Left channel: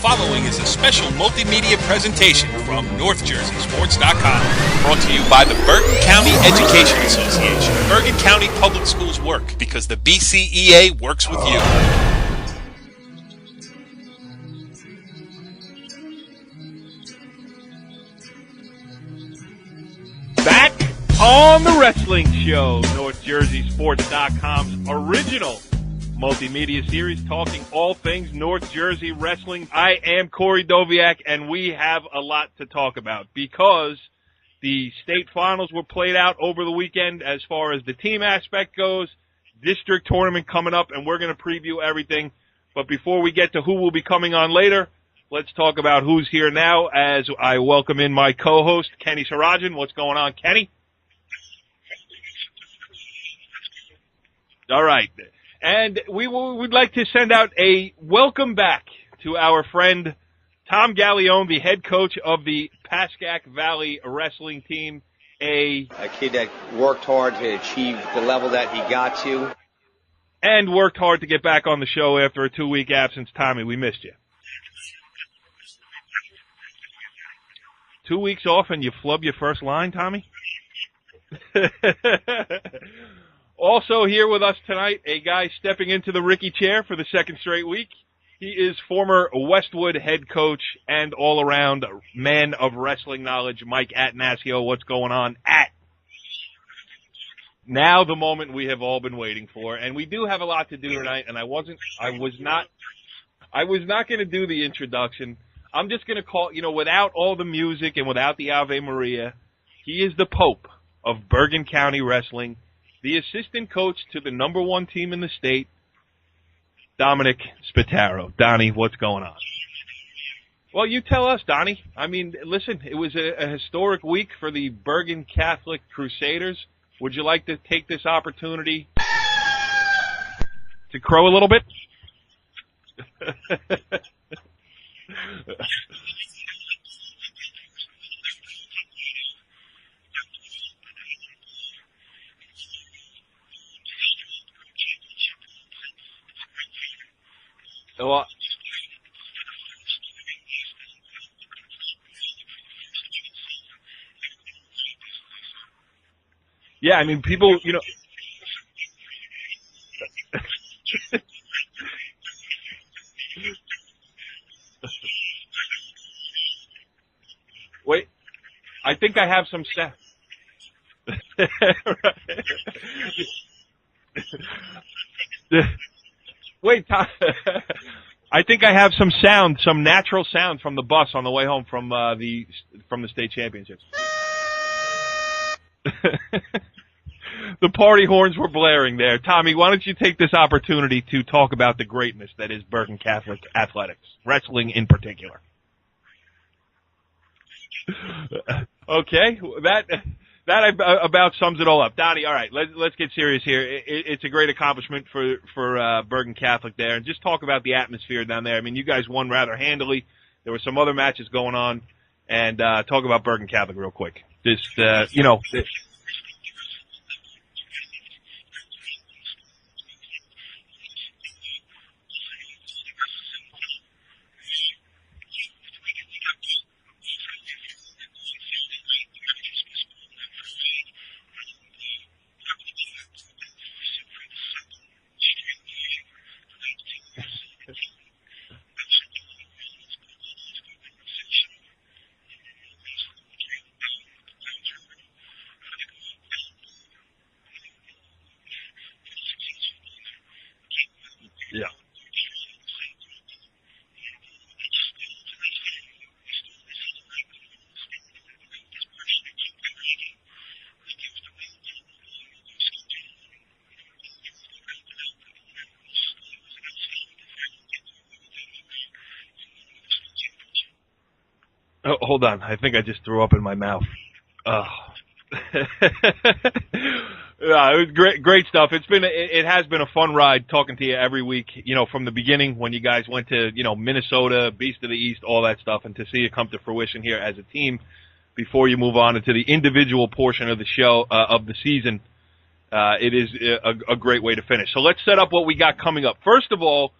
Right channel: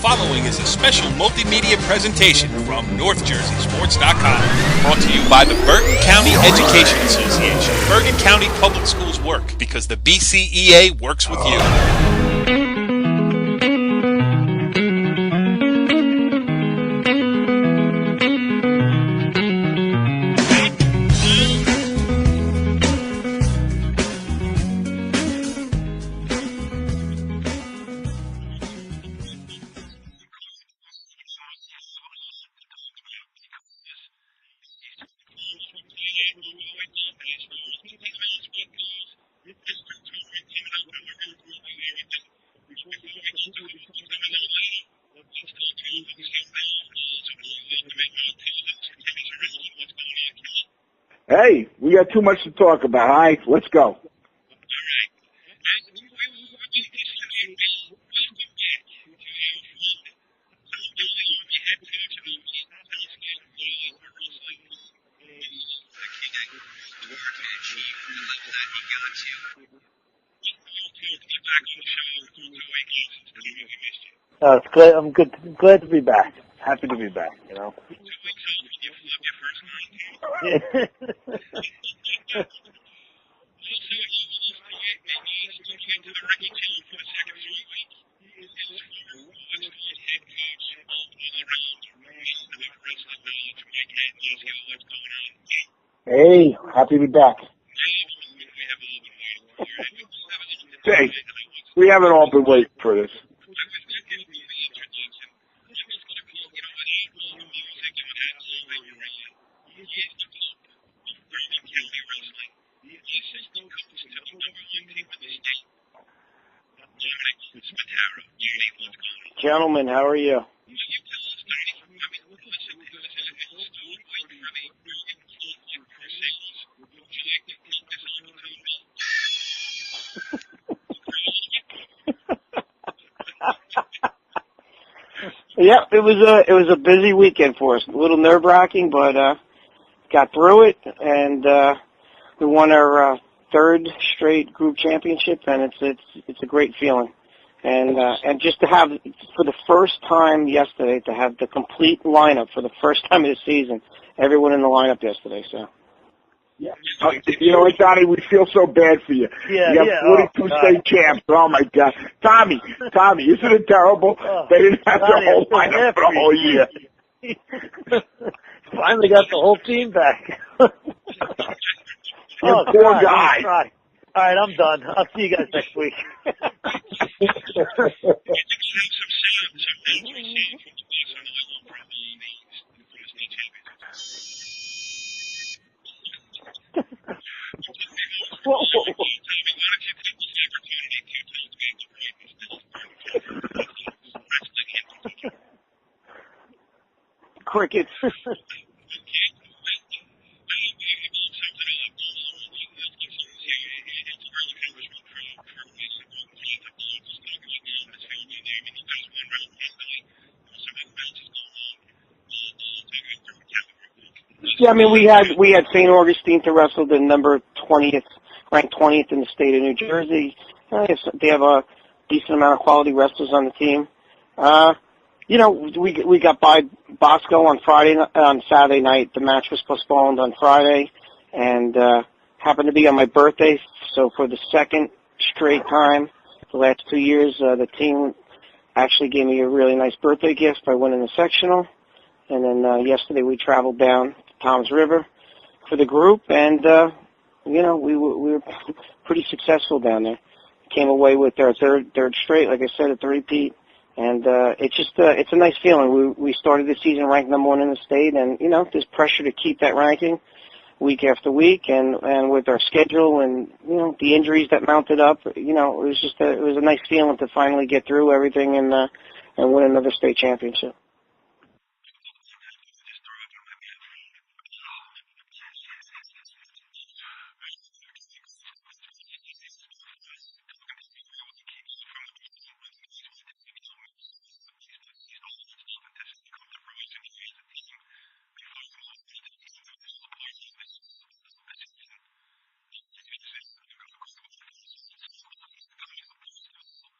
following is a special multimedia presentation from NorthJerseySports.com. Brought to you by the Bergen County Education Association. Bergen County Public Schools work because the BCEA works with you. Back on the Wrestling Show, NorthJerseySports.com's original multimedia series talking all things North Jersey wrestling. I am Corey Doviak, and we have a lot to talk about because the state finals were played out over the weekend as far as the team aspect goes. District tournament coming up, and we're going to preview everything. But before we get to who will be coming on later, let's talk about who's here now as I welcome in my co-host, Kenny Sarajan. What's going on, Kenny? Hey, we got too much to talk about. All right, let's go. All right. And we'd like to send out a welcome back to our friend Tom Gallione, the head coach of the Pascack Valley wrestling team. A kid that worked hard to achieve the level that he got to. And worked hard to get back on the show after a 2-week absence. Tommy, we missed you. It's good. I'm good. Glad to be back. Happy to be back, 2 weeks off and you flub your first line, Tommy? Also here with us tonight, a guy stepping into the Ricky chair for the second straight week. He is former Westwood head coach and all-around man of wrestling knowledge, Mike Attanasio. What's going on, At? Hey, happy to be back. Now the moment we have all been waiting for, and we do have a lot to do tonight, and We haven't all been waiting for this. I was not going to do the introduction. I'm just going to call, without all the music and without the Ave Maria, he is the Pope of Bergen County Wrestling, the assistant coach to the number one team in the state, Donnie Spataro. Donnie, what's going on? Gentlemen, how are you? Well, you tell us, Donnie. I mean, listen, it was a historic week for the Bergen Catholic Crusaders. Would you like to take this opportunity to crow a little bit? Yeah, it was a busy weekend for us. A little nerve-wracking, but got through it, and we won our third straight group championship, and it's a great feeling. And just to have, for the first time yesterday, to have the complete lineup for the first time of the season, everyone in the lineup yesterday. So. Yeah, I mean, people. Donnie, we feel so bad for you. Yeah, you got 42 state champs. Oh my God, Tommy, isn't it terrible? They didn't have their whole lineup for the whole year. Wait, I Finally think I got have the whole some team back. Oh, poor God, guy. All right, I'm done. I'll see you guys next week. Wait, Tom, I think I have some sound, some natural sound from the bus on the way home from the state championships. The party horns were blaring there. Tommy, why don't you take this opportunity to talk about the greatness that is Bergen Catholic athletics, wrestling in particular. Cricket. Okay, that about sums it all up. Donnie, all right, let's get serious here. It's a great accomplishment for Bergen Catholic there, and just talk about the atmosphere down there. I mean, you guys won rather handily. There were some other matches going on, and talk about Bergen Catholic real quick. We had St. Augustine to wrestle, the ranked 20th in the state of New Jersey. They have a decent amount of quality wrestlers on the team. We got by Bosco on Saturday night. The match was postponed on Friday, and happened to be on my birthday. So for the second straight time, the last 2 years, the team actually gave me a really nice birthday gift by winning the sectional. And then yesterday we traveled down to Toms River for the group, and we were pretty successful down there. Came away with our third straight, like I said, at the repeat. And it's a nice feeling. We started the season ranked number one in the state, and there's pressure to keep that ranking week after week, and with our schedule and the injuries that mounted up, it was a nice feeling to finally get through everything and win another state championship. Oh, hold on, I think I just threw up in my mouth. Oh. Yeah, it was great stuff. It has been a fun ride talking to you every week, from the beginning when you guys went to, Minnesota, Beast of the East, all that stuff, and to see it come to fruition here as a team before you move on into the individual portion of the show, of the season. It is a great way to finish. So let's set up what we got coming up. First of all,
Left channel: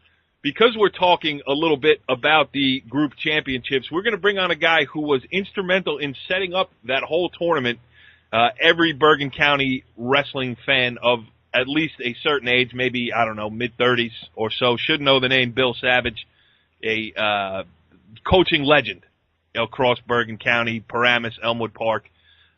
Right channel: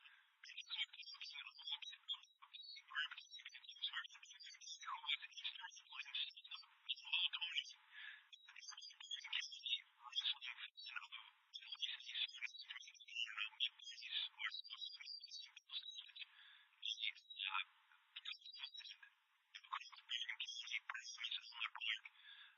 because we're talking a little bit about the group championships, we're going to bring on a guy who was instrumental in setting up that whole tournament. Every Bergen County wrestling fan of at least a certain age, maybe, I don't know, mid-30s or so, should know the name Bill Savage, a coaching legend across Bergen County, Paramus, Elmwood Park,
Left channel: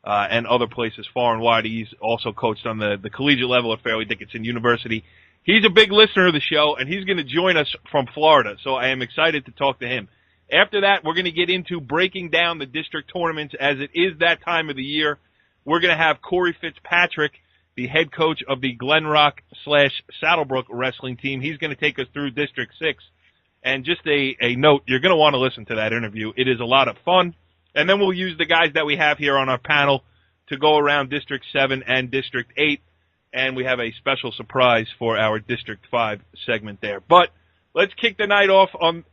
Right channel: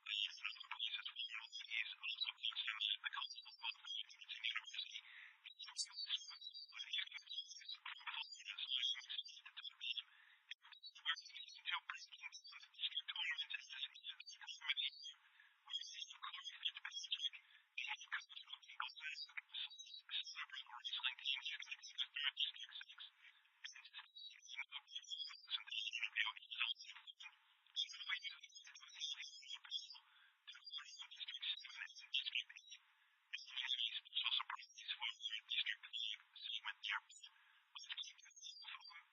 and other places far and wide. He's also coached on the collegiate level at Fairleigh Dickinson University. He's a big listener of the show, and he's going to join us from Florida, so I am excited to talk to him. After that, we're going to get into breaking down the district tournaments as it is that time of the year. We're going to have Corey Fitzpatrick, the head coach of the Glen Rock/Saddlebrook wrestling team. He's going to take us through District 6. And just a note, you're going to want to listen to that interview. It is a lot of fun. And then we'll use the guys that we have here on our panel to go around District 7 and District 8. And we have a special surprise for our District 5 segment there. But let's kick the night off on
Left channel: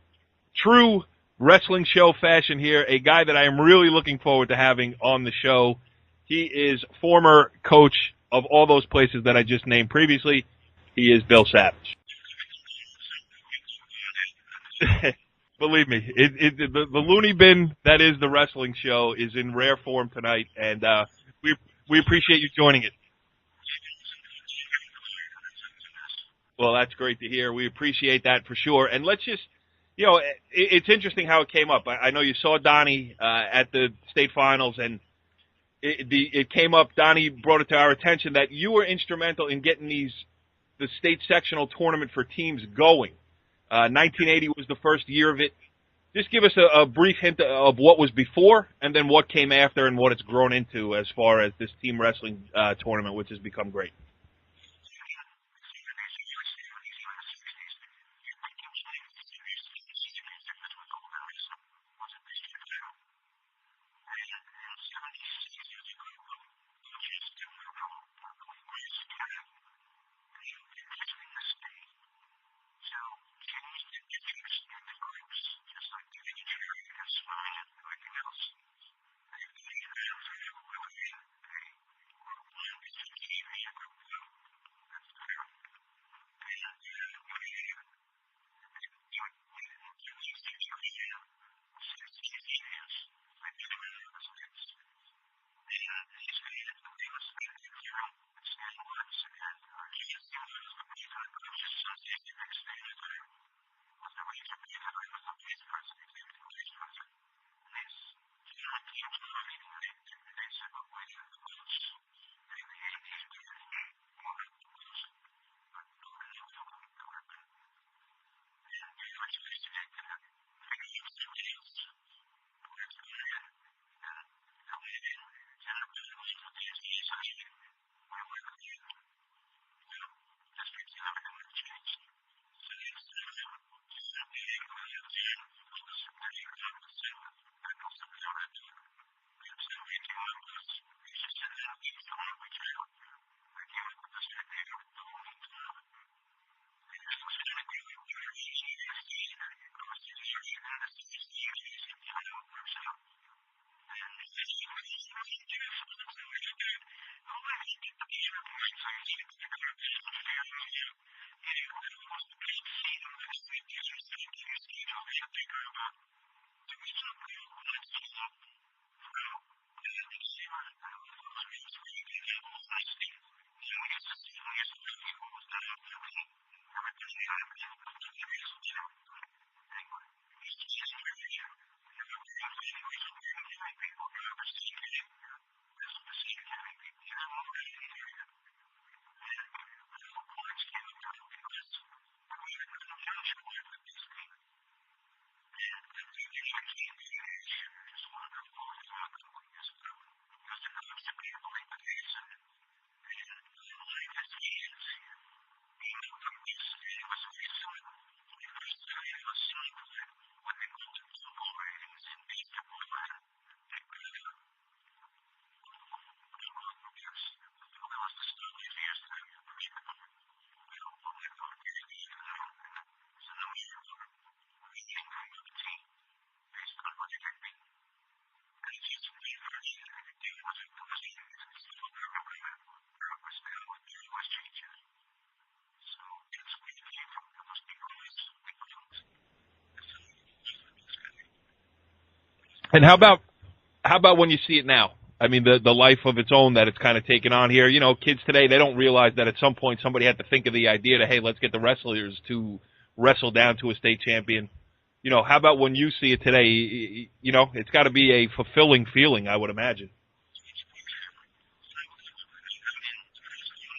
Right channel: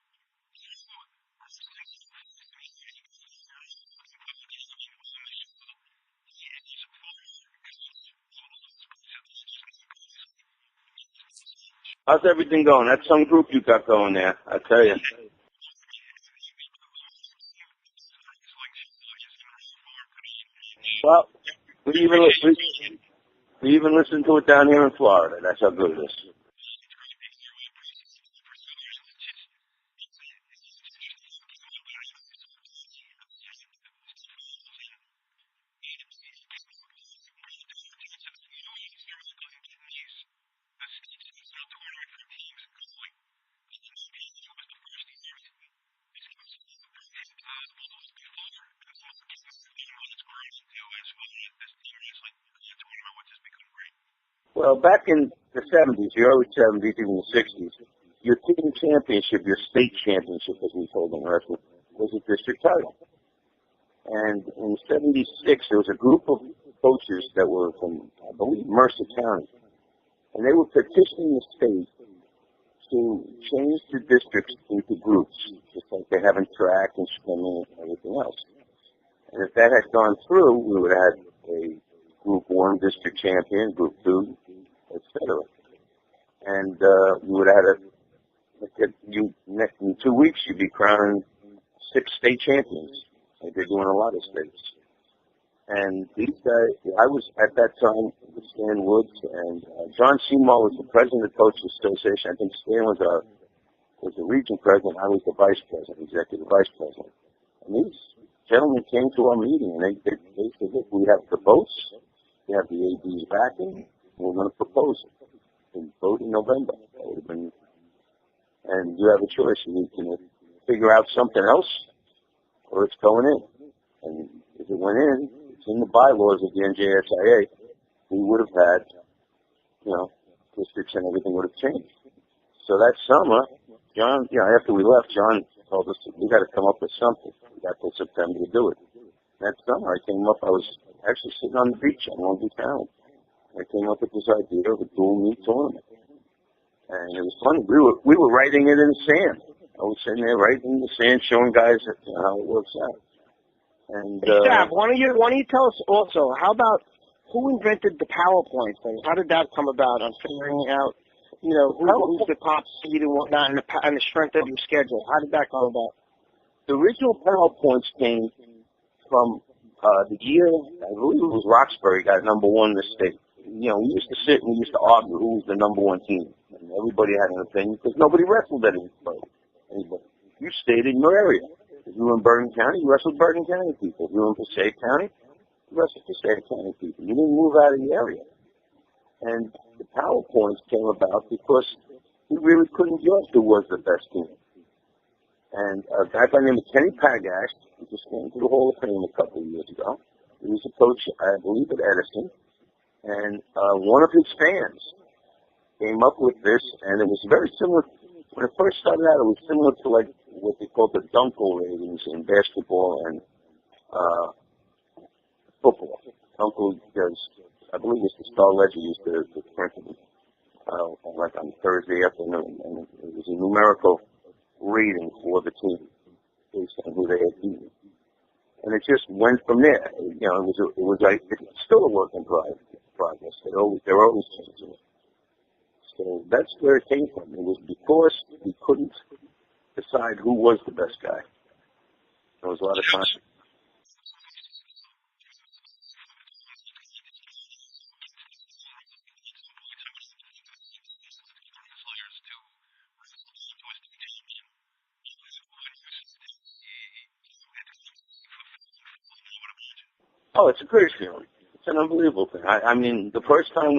true wrestling show fashion here, a guy that I am really looking forward to having on the show. He is former coach of all those places that I just named previously. He is Bill Savage. How's everything going? That's some group you got going there, I tell you. Believe me, the loony bin that is the wrestling show is in rare form tonight, and we appreciate you joining it. We even listen to it down here in Florida. That's how good it is. Well, that's great to hear. We appreciate that for sure. And let's just, it's interesting how it came up. I know you saw Donnie at the state finals, and it came up. Donnie brought it to our attention that you were instrumental in getting the state sectional tournament for teams going. 1980 was the first year of it. Just give us a brief hint of what was before and then what came after and what it's grown into as far as this team wrestling tournament, which has become great. Well, back in the 70s, the early 70s, even the 60s, your team championship, your state championship, as we called it in wrestling, was a district title. And in 76, there was a group of coaches that were from, I believe, Mercer County. And they were petitioning the state to change the districts into groups, just like they have in track and swimming and everything else. And if that had gone through, we would have had a Group 1 district champion, Group 2, etc. And you would have had in 2 weeks, you'd be crowning 6 state champions, like they do in a lot of states. And these guys, I was at that time with Stan Woods, and John Seymour was the president of the Coaches Association. I think Stan was the region president. I was the vice president, executive vice president. And these gentlemen came to our meeting, and they said, look, we have the votes, we have the AD's backing, and we're going to propose it. We vote in November. That would have been, and you have a choice. You can figure out something else, or it's going in. And if it went in, it's in the bylaws of the NJSIA, we would have had, districts and everything would have changed. So that summer, John, after we left, John told us we got to come up with something. We got till September to do it. That summer, I came up. I was actually sitting on the beach on Long Beach Island. I came up with this idea of a dual meet tournament, and it was funny. We were writing it in the sand. I was sitting there writing in the sand, showing guys how it works out. And hey, Sav, why don't you tell us also, how about who invented the PowerPoints? I mean, how did that come about on figuring out, who's the top seed and whatnot, and the strength of your schedule? How did that come about? The original PowerPoints came from the year, I believe it was Roxbury got number 1 in the state. We used to sit and we used to argue who was the number 1 team. And everybody had an opinion because nobody wrestled anybody. You stayed in your area. If you were in Bergen County, you wrestled Bergen County people. If you were in Passaic County, you wrestled Passaic County people. You didn't move out of the area. And the PowerPoints came about because we really couldn't judge who was the best team. And a guy by the name of Kenny Pagash, who just went through the Hall of Fame a couple of years ago, he was a coach, I believe, at Edison. And one of his fans came up with this, and it was very similar. When it first started out, it was similar to like what they called the Dunkel ratings in basketball and football. Dunkel, I believe it was the Star Ledger used to print them on Thursday afternoon, and it was a numerical rating for the team based on who they had beaten. And it just went from there. It was like, it's still a work in progress. They're always changing it. So that's where it came from. It was because we couldn't decide who was the best guy. And how about when you see it now? I mean, the life of its own that it's kind of taken on here. You know, kids today, they don't realize that at some point somebody had to think of the idea to, hey, let's get the wrestlers to wrestle down to a state champion. You know, how about when you see it today? You know, it's got to be a fulfilling feeling, I would imagine. Oh, it's a great feeling. It's an unbelievable thing. I mean, the first time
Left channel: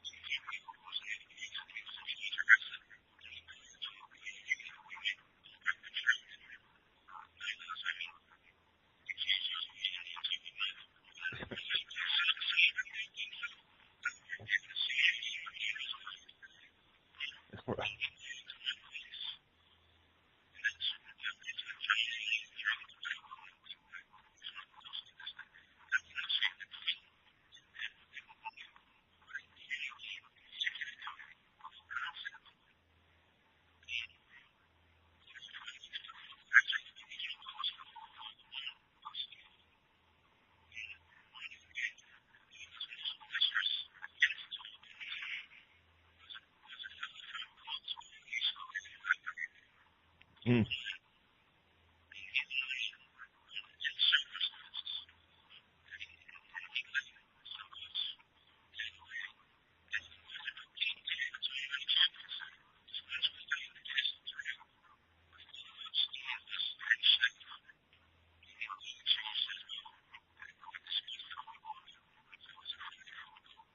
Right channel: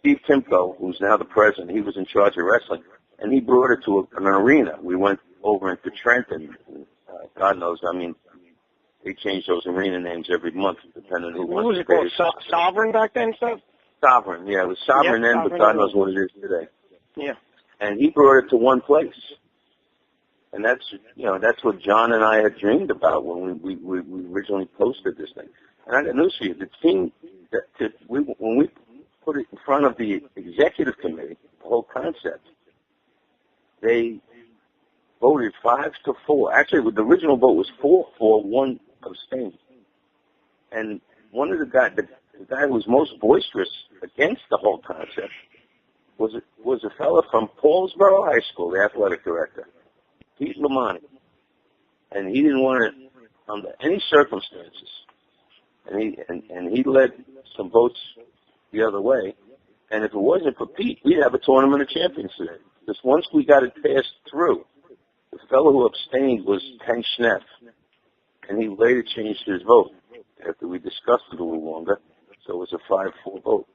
Steve Timko, who's now the president, he was in charge of wrestling, and he brought it to an arena. We went over into Trenton. God knows, I mean, they changed those arena names every month, depending on who What was it called? Sovereign back then, stuff? Sovereign, yeah. It was Sovereign then, but God knows what it is today. Yeah. And he brought it to one place. And that's what John and I had dreamed about when we originally posted this thing. And I got news for you. The team, when we put it in front of the executive committee, the whole concept, they voted 5-4. Actually, the original vote was 4-4, 1 abstained. And one of the guys, the guy who was most boisterous against the whole concept was a fellow from Paulsboro High School, the athletic director, Pete Lamani. And he didn't want it under any circumstances. And he led some votes the other way. And if it wasn't for Pete, we'd have a tournament of champions today. Because once we got it passed through, the fellow who abstained was Ken Schneff, and he later changed his vote after we discussed it a little longer, so it was a 5-4 vote.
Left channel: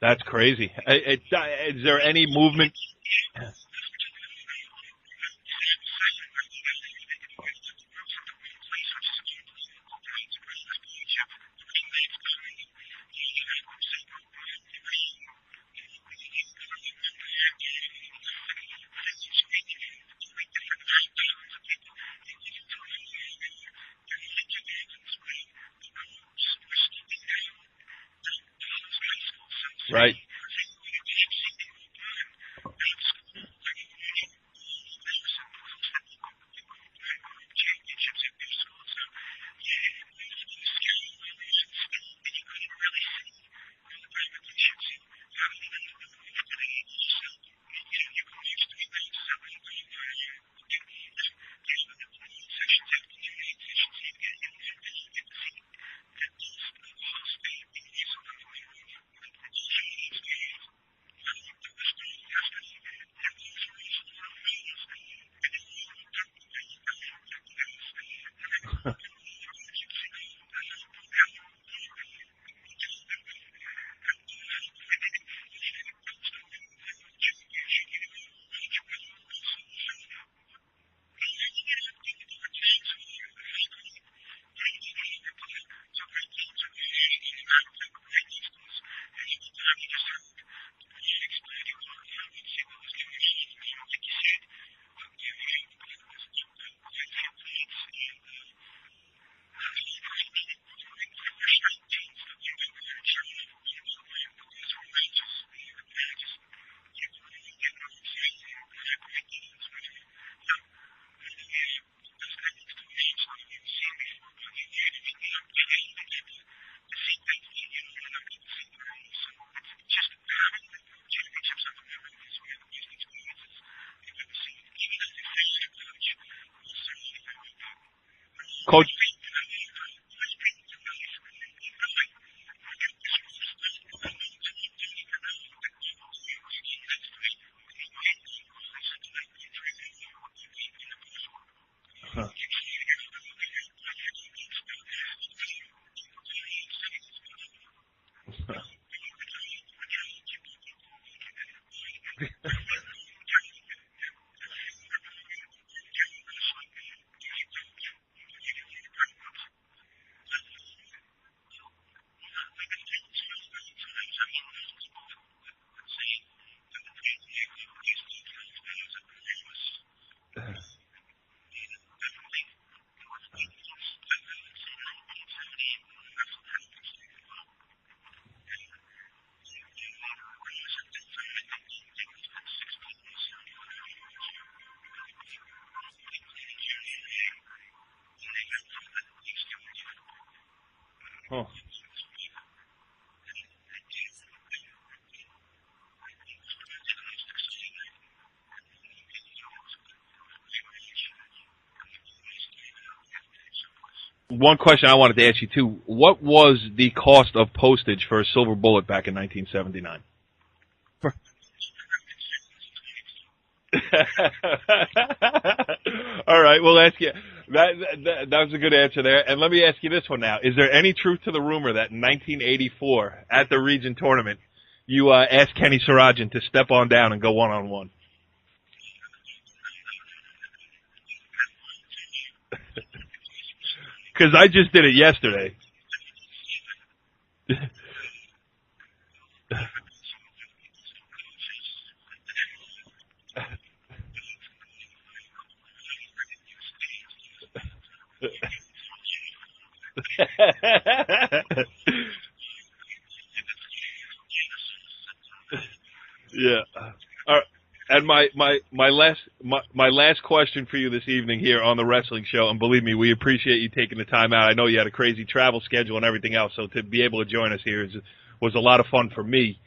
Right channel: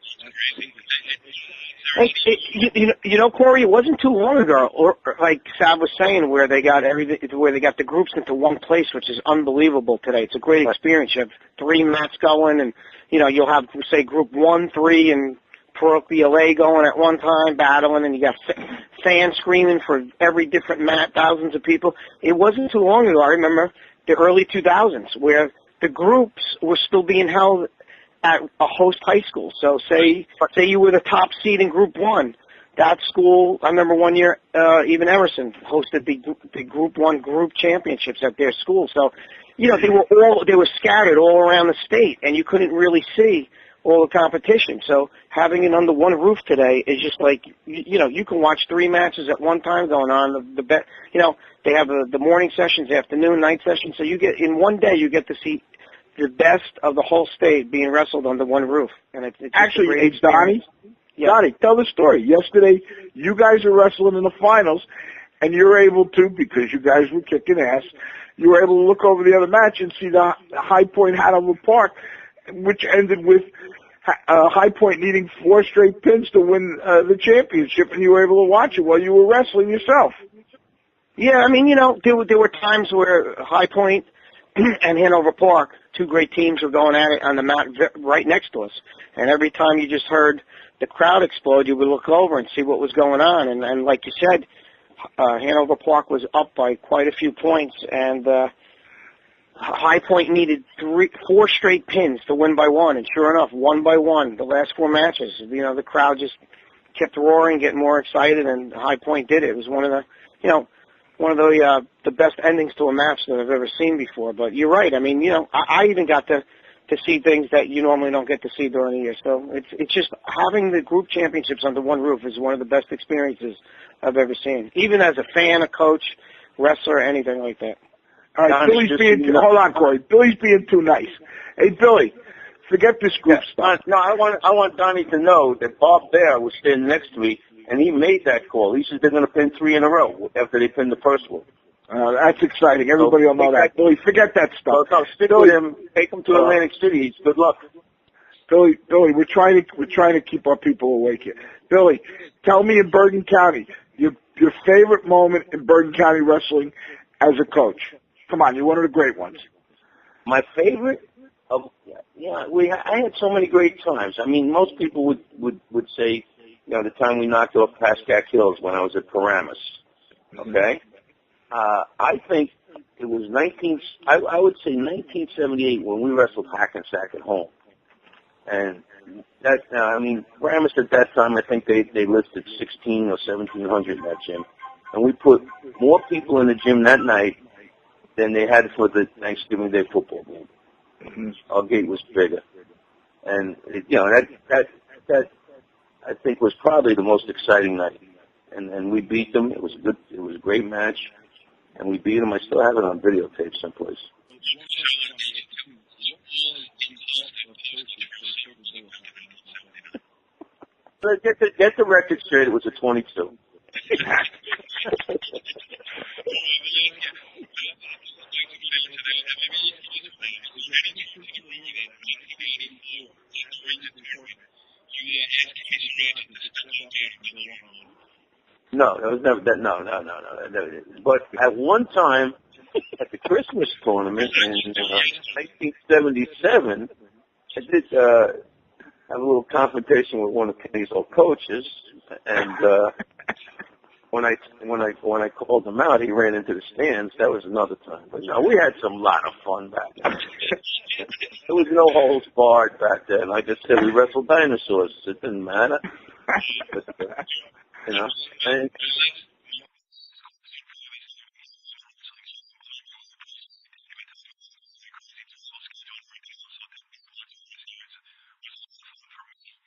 That's crazy. Is there any movement? You know, Corey, it wasn't too long ago, or like Sav was saying, where they got the groups into one place, which is unbelievable today. It's a great experience. You have 3 mats going, and you know you'll have say group 1, 3, and parochial A going at one time, battling, and you got fans screaming for every different mat, thousands of people. It wasn't too long ago, I remember, the early 2000s, where the groups were still being held at a host high school. So say you were the top seed in Group 1. That school, I remember one year, even Emerson hosted the Group 1 group championships at their school. So, you know, they were scattered all around the state, and you couldn't really see all the competition. So having it under one roof today is just like, you know, you can watch 3 matches at one time going on. You know, they have the morning sessions, afternoon, night sessions. So you get, in one day, you get to see the best of the whole state being wrestled under one roof. And it's actually, hey, Donnie, Donnie, tell the story. Yesterday, you guys are wrestling in the finals, and you're able to, because you guys were kicking ass, you were able to look over the other match and see the High Point Hanover Park, which ended with High Point needing 4 straight pins to win the championship, and you were able to watch it while you were wrestling yourself. Yeah, I mean, you know, there were times where High Point and Hanover Park, 2 great teams, were going at it on the mat right next to us. And every time you just heard the crowd explode, you would look over and see what was going on. And like you said, Hanover Park was up by quite a few points, and High Point needed 4 straight pins to win by 1. And sure enough, 1 by 1, the last 4 matches, you know, the crowd just kept roaring, getting more excited, and High Point did it. It was one of the best endings to a match that I've ever seen before. But you're right. I mean, you know, I even got to see things that you normally don't get to see during the year. So it's just having the group championships under one roof is one of the best experiences I've ever seen, even as a fan, a coach, wrestler, anything like that. All right, hold on, Corey. Billy's being too nice. Hey, Billy, forget this group stuff. No, I want Donnie to know that Bob Bear was standing next to me, and he made that call. He said they're going to pin 3 in a row after they pinned the first one. That's exciting. Everybody will know that. Billy, forget that stuff. No, stick with him. Take him to Atlantic City. Good luck. Billy, we're trying to keep our people awake here. Billy, tell me in Bergen County your favorite moment in Bergen County wrestling as a coach. Come on, you're one of the great ones. My favorite? I had so many great times. I mean, most people would say, you know, the time we knocked off Pascack Hills when I was at Paramus. Okay? I think it was I would say 1978 when we wrestled Hackensack at home. And that, I mean, Paramus at that time, I think they listed 1,600 or 1,700 in that gym. And we put more people in the gym that night than they had for the Thanksgiving Day football game. Mm-hmm. Our gate was bigger. And, you know, that I think was probably the most exciting night. And we beat them. It was a great match. And we beat them. I still have it on videotape someplace. One question I wanted to ask you, too. What was the cost of postage for a Silver Bullet back in 1979? Get the record straight. It was a 22. All right, we'll ask you. That was a good answer there. And let me ask you this one now. Is there any truth to the rumor that in 1984, at the region tournament, you asked Kenny Sarajan to step on down and go one-on-one? No, that was never that. No. But at one time, at the Christmas tournament, because I just did it yesterday. 1977, I did have a little confrontation with one of Kenny's old coaches, and when I called him out, he ran into the stands. That was another time. But no, we had some lot of fun back then. There was no holds barred back then. Like I said, we wrestled dinosaurs. It didn't matter. Yeah. All right. And my last question for you this evening here on the Wrestling Show, and believe me, we appreciate you taking the time out. I know you had a crazy travel schedule and everything else, so to be able to join us here was a lot of fun for me.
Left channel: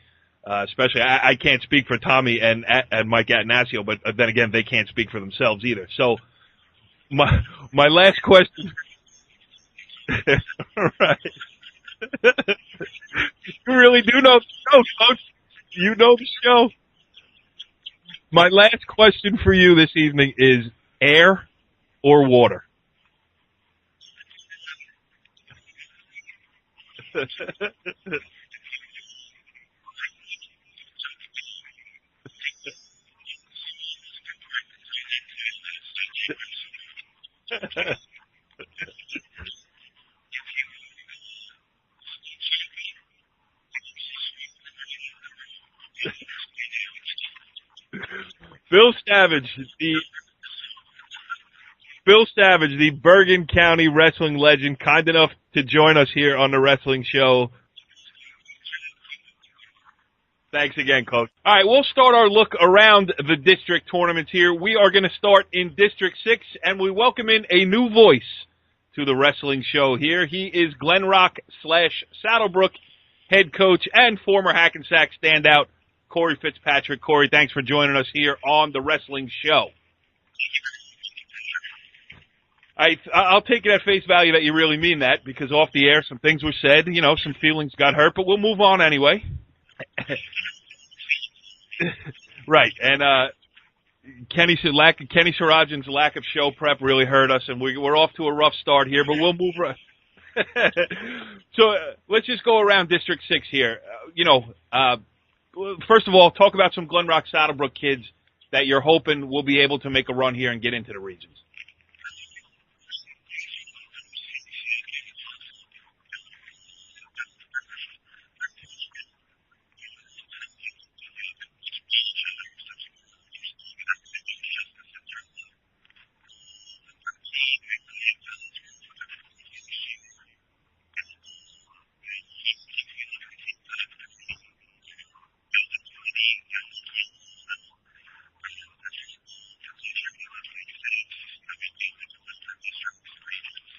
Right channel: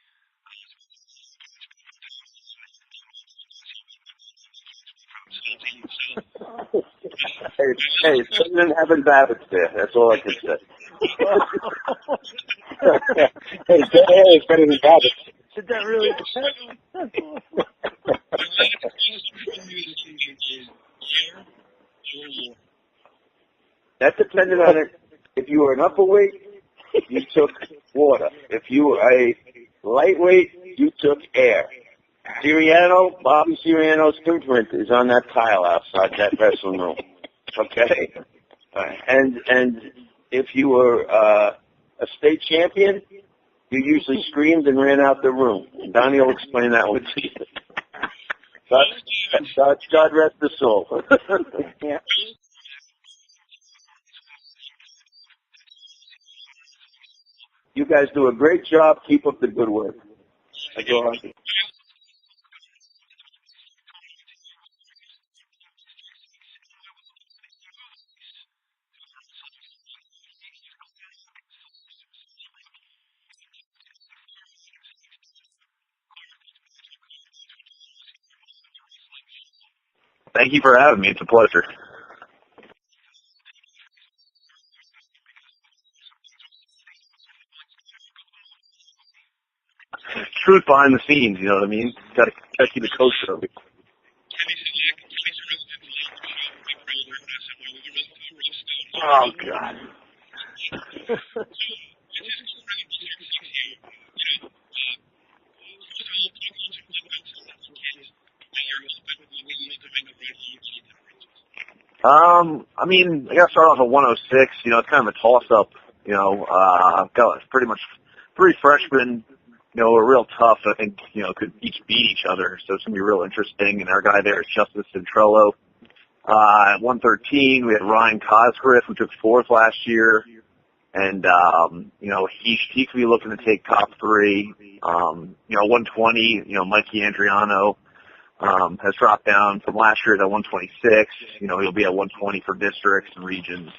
Especially, I can't speak for Tommy and Mike Attanasio, but then again, they can't speak for themselves either. So, my last question. Didn't have Babbage there. That's all I can say. You really do know the show, Coach. You know the show. My last question for you this evening is air or water? That depended on it. If you were an upperweight, you took water. If you were a lightweight, you took air. Bobby Siriano's imprint is on that tile outside that wrestling room. Okay? And if you were a state champion, you usually screamed and ran out the room. Donnie will explain that one to you. Phil Savage. God rest his soul. Phil Savage, the Bergen County wrestling legend, kind enough to join us here on the Wrestling Show. You guys do a great job. Keep up the good work. Thanks again, Coach. All right, we'll start our look around the district tournaments here. We are going to start in District 6, and we welcome in a new voice to the Wrestling Show here. He is Glen Rock / Saddlebrook head coach and former Hackensack standout, Corey Fitzpatrick. Corey, thanks for joining us here on the Wrestling Show. Thank you for having me. It's a pleasure. I'll take it at face value that you really mean that, because off the air some things were said, some feelings got hurt, but we'll move on anyway. Truth behind the scenes, you know what I mean? Right, and Kenny Sarajan's lack of show prep really hurt us, and we're off to a rough start here, but we'll move right. So let's just go around District 6 here. First of all, talk about some Glen Rock Saddlebrook kids that you're hoping will be able to make a run here and get into the regions. I got to start off at 106. It's kind of a toss-up. I've got pretty much 3 freshmen, are real tough. I think, could each beat each other. So it's going to be real interesting. And our guy there is Justice Centrello. At 113, we had Ryan Cosgriff, who took 4th last year. And, he could be looking to take top 3. 120, Mikey Andriano, has dropped down from last year to 126. He'll be at 120 for districts and regions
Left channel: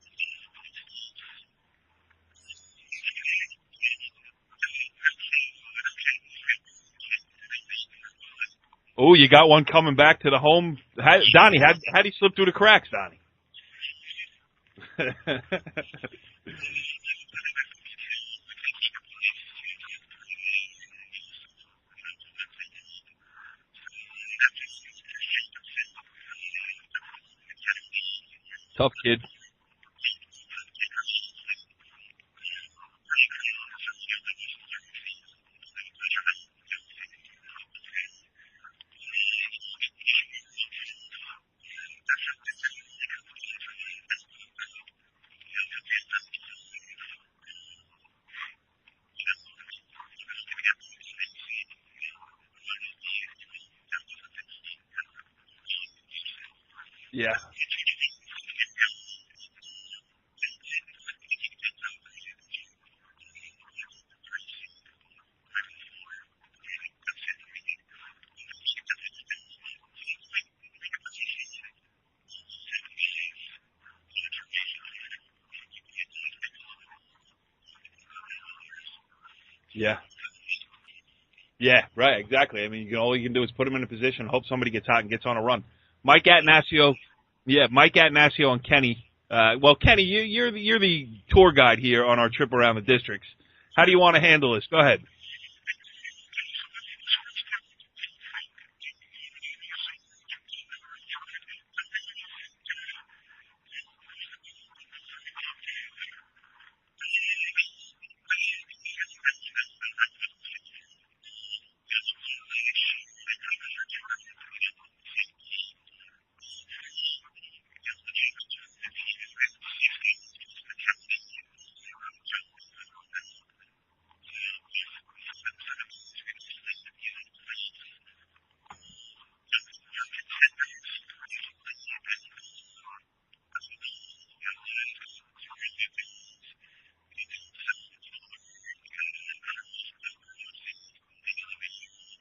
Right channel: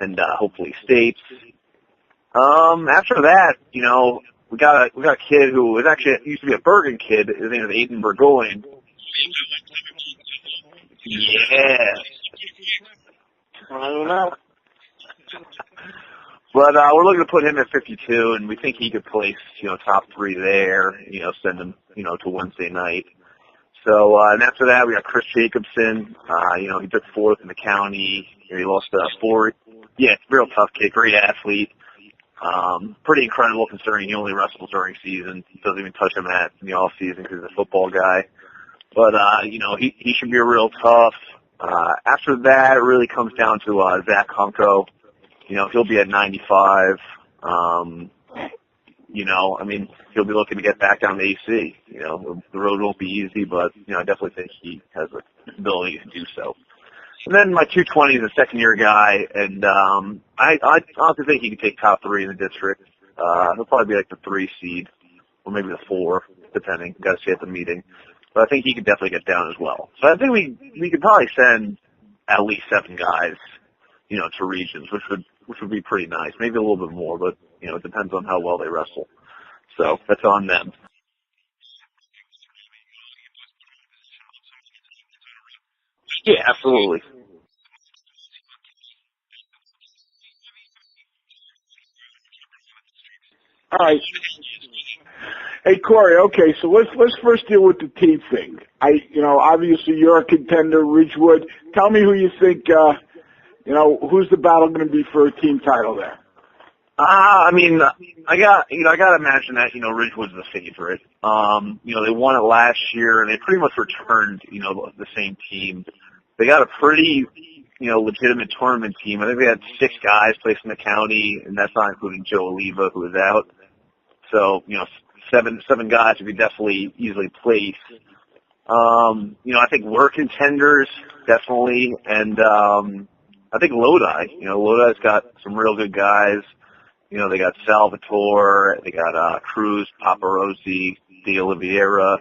and, hopefully states. After that, we got a kid who was actually used to be a Bergen kid. His name is Aiden Burgoyne. Oh, you got one coming back to the home. Donnie, how'd he slip through the cracks, Donnie? I don't know. But we're looking to put him at 52, and we think he could place, top 3 there, send him, to Wednesday night. So, and after that, we got Chris Jacobson. He took 4th in the county. He lost 4. Yeah, real tough kid, great athlete. Pretty incredible considering he only wrestles during season. He doesn't even touch a mat in the off season because he's a football guy. But, he should be real tough. After that, it really comes down to, Zach Hunko. He'll be at 95. He'll be looking to get back down to AC. The road won't be easy, but, I definitely think he has the ability to do so. Yeah. And then my 220 is a second-year guy, and I honestly think he can take top 3 in the district. He'll probably be like the 3 seed, or maybe the 4, depending. Got to see at the meeting. But I think he could definitely get down as well. So I think we could probably send at least 7 guys, to regions, which would be pretty nice. Maybe a little bit more, but, it depends on how well they wrestle. So that's on them. Yeah, right, exactly. I mean, all you can do is put him in a position, hope somebody gets hot and gets on a run. Mike Attanasio, Mike Attanasio and Kenny. Kenny, you're the tour guide here on our trip around the districts. How do you want to handle this? Go ahead. Hey, Corey, okay, so let's first deal with the team thing. Obviously you're a contender, Ridgewood. Tell me who you think, who's the battle going to be for a team title there? I gotta imagine that, Ridgewood's the favorite. They won it last year and they pretty much returned, the same team. They got a pretty, legitimate tournament team. I think they had 6 guys placed in the county, and that's not including Joe Oliva, who was out. So, 7 guys who could definitely easily place. I think we're contenders, definitely, and I think Lodi. Lodi's got some real good guys. They got Salvatore, they got Cruz, Paparosi, De Oliveira.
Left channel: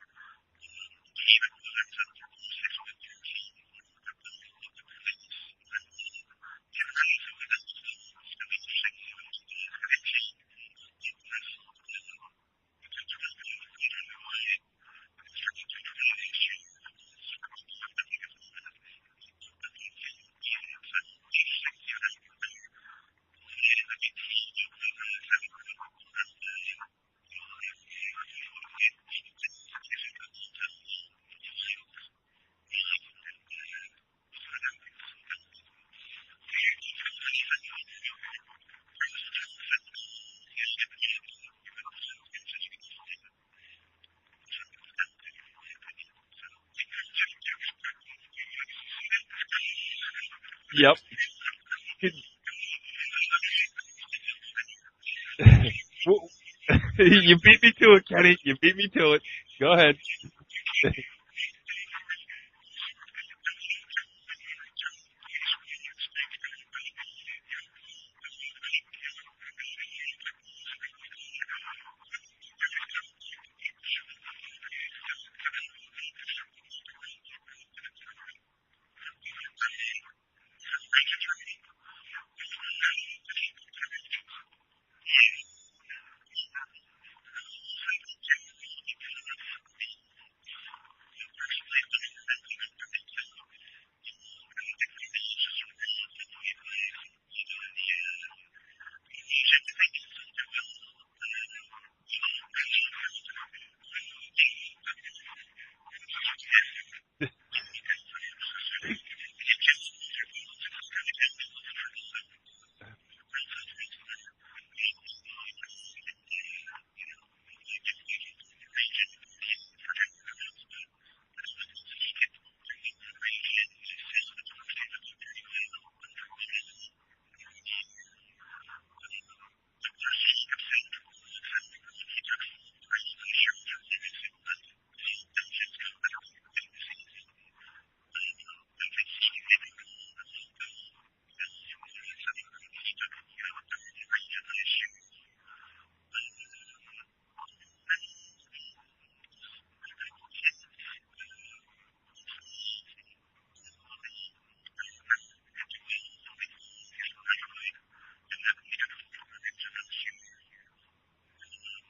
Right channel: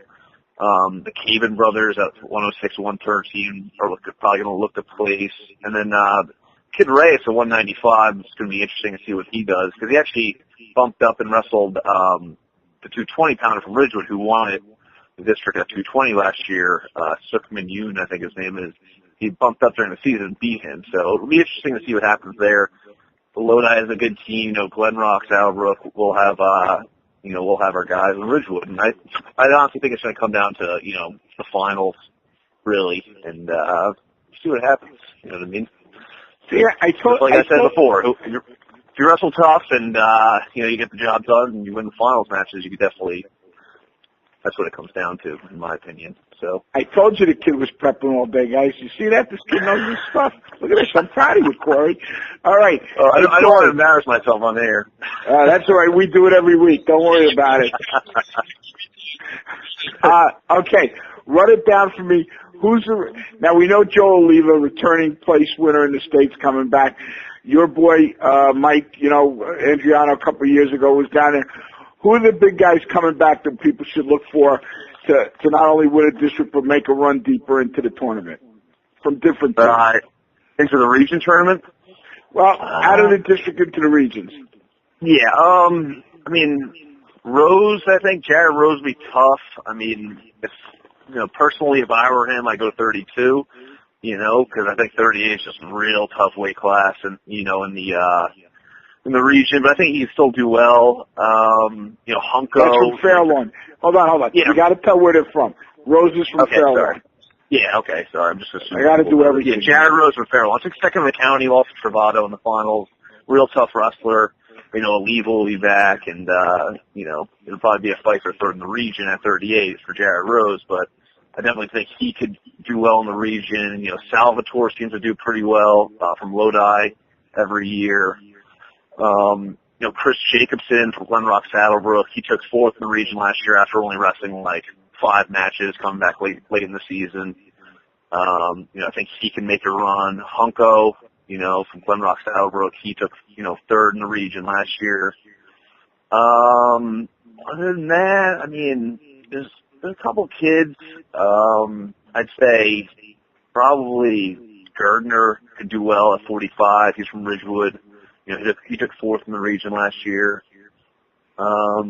The Caven brothers at 106, 113 are probably going to look to place. And then Kid Reyes at 195 is going to be interesting to see what he does, because he actually bumped up and wrestled the 220-pounder from Ridgewood, who won it, the district at 220 last year. Sukman Yoon, I think his name is. He bumped up during the season and beat him. So it'll be interesting to see what happens there. Lodi is a good team. Glen Rock, Saddlebrook will have, we'll have our guys in Ridgewood. And I honestly think it's going to come down to, the finals, really, and see what happens. You know what I mean? Yeah, I said before, if you wrestle tough and, you get the job done and you win the finals matches, you could definitely, that's what it comes down to, in my opinion. So I told you the kid was prepping all day, guys. You see that? This kid knows his stuff. Look at this. I'm proud of you, Corey. All right. I don't want to embarrass myself on air. That's all right. We do it every week. Don't worry about it. You beat me to it, Kenny. You beat me to it. Go ahead. Okay. Run it down for me. Now, we know Joe Oliva, returning place winner in the States, coming back. Your boy, Mike, Andriano a couple of years ago was down there. Who are the big guys coming back that people should look for to not only win a district but make a run deeper into the tournament from different teams? Into the region tournament? Well, out of the district into the regions. Yeah, Rose, I think Jared Rose would be tough. Personally, if I were him, I'd go 32, because I think 38 is just a real tough weight class and, in the region, but I think he can still do well. Hunko. That's from Fairlawn. Hold on. Yeah. You got to tell where they're from. Rose is from Fairlawn. Sorry. Yeah, okay, sorry. I'm just assuming. I got to do everything. Yeah, Jared Rose from Fairlawn. Took second in the county, lost to Travato in the finals. Real tough wrestler. Oliva will be back, and, it'll probably be a fight for third in the region at 38 for Jared Rose, but I definitely think he could do well in the region. Salvatore seems to do pretty well from Lodi every year. Chris Jacobson from Glen Rock Saddlebrook, he took 4th in the region last year after only wrestling 5 matches, coming back late in the season. I think he can make a run. Hunko, from Glen Rock Saddlebrook, he took, 3rd in the region last year. Other than that, there's a couple kids. I'd say probably Gardner could do well at 45. He's from Ridgewood. He took 4th in the region last year. All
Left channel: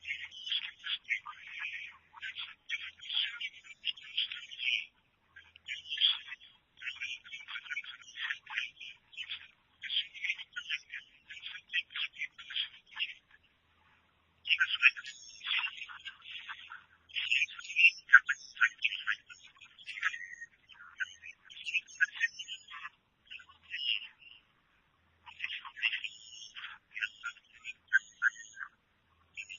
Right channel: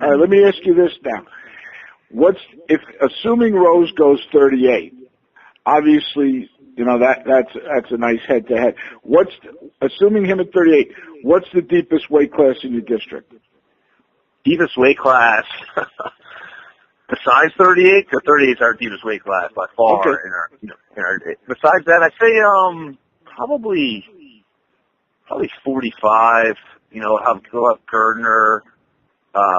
right, let me ask you this now. Assuming Rose goes 38, obviously, that's a nice head-to-head. Assuming him at 38, what's the deepest weight class in your district? Deepest weight class, besides 38, because 38 is our deepest weight class by far. Okay. In our besides that, I'd say probably 45. He'll have Gardner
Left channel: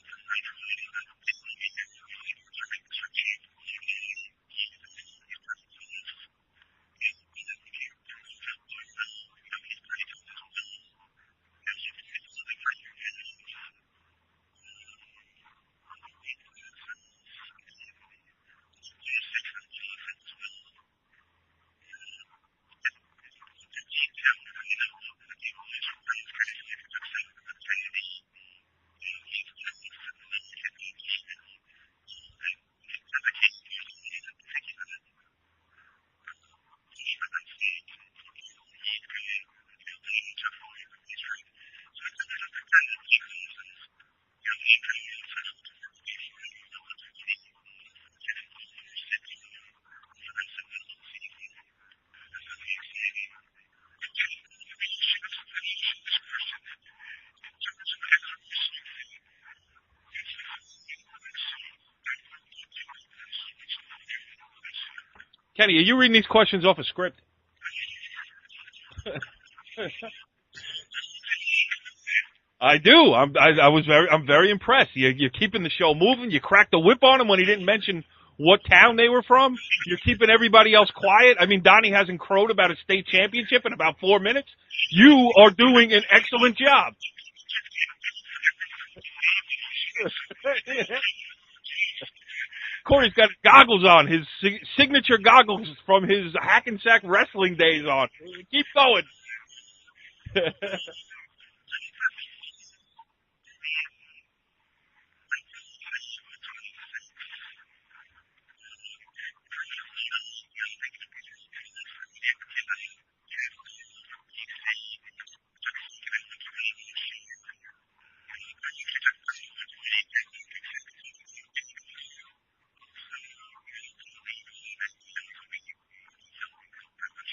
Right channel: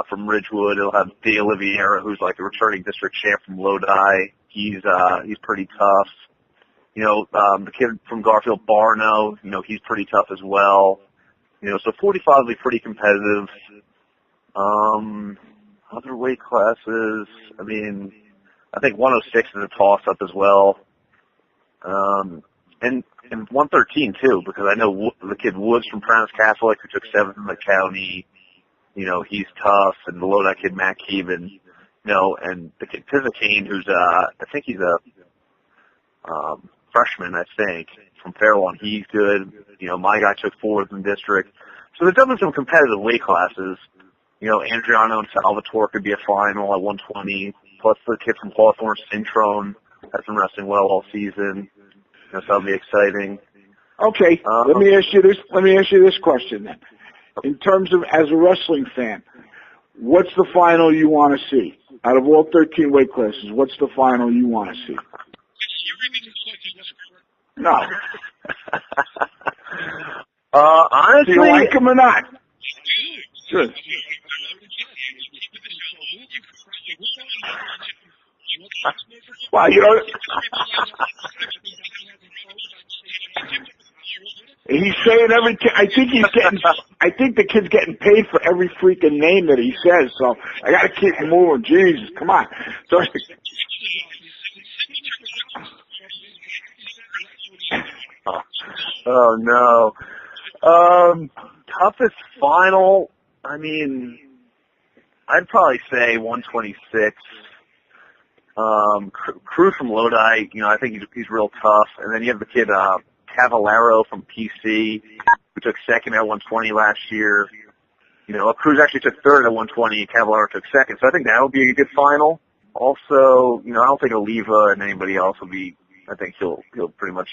from Ridgewood. He'll have De Oliveira, who's like the returning district champ from Lodi. He's pretty tough. The kid from Garfield, Barno, he's pretty tough as well. So 45 will be pretty competitive. Other weight classes, I think 106 is a toss-up as well. And 113 too, because I know the kid Woods from Bergen Catholic, who took 7th in the county. He's tough, and the Lodi kid Matt Keevan, and the kid Pizzicane, who's I think he's a freshman, I think, from Fairlawn. He's good. My guy took 4th in district. So there's definitely some competitive weight classes. Andriano and Salvatore could be a final at 120. Plus the kid from Hawthorne, Cintrone, has been wrestling well all season. So that'll be exciting. Okay, let me ask you this question then. In terms of, as a wrestling fan, what's the final you want to see? Out of all 13 weight classes, what's the final you want to see? Kenny, are you reading these questions off a script? No. Honestly, do you like them or not? I do. I'm very impressed. You're keeping the show moving. You cracked the whip on him when he didn't mention what town they were from. Well, you're keeping everybody else quiet. I mean, Donnie hasn't crowed about a state championship in about 4 minutes. You are doing an excellent job. I think the kid's getting paid for every freaking name that he says, so I got to keep moving. Jesus, come on. Corey's got goggles on, his signature goggles from his Hackensack wrestling days on. Keep going. Oh, no. Toughest final, I mean, I'd probably say 126. Cruz from Lodi, I think he's real tough. And then you have the kid Cavallaro from PC, who took second at 120 last year. Cruz actually took third at 120. Cavallaro took second. So I think that would be a good final. Also, I don't think Oliva and anybody else will be. I think he'll pretty much,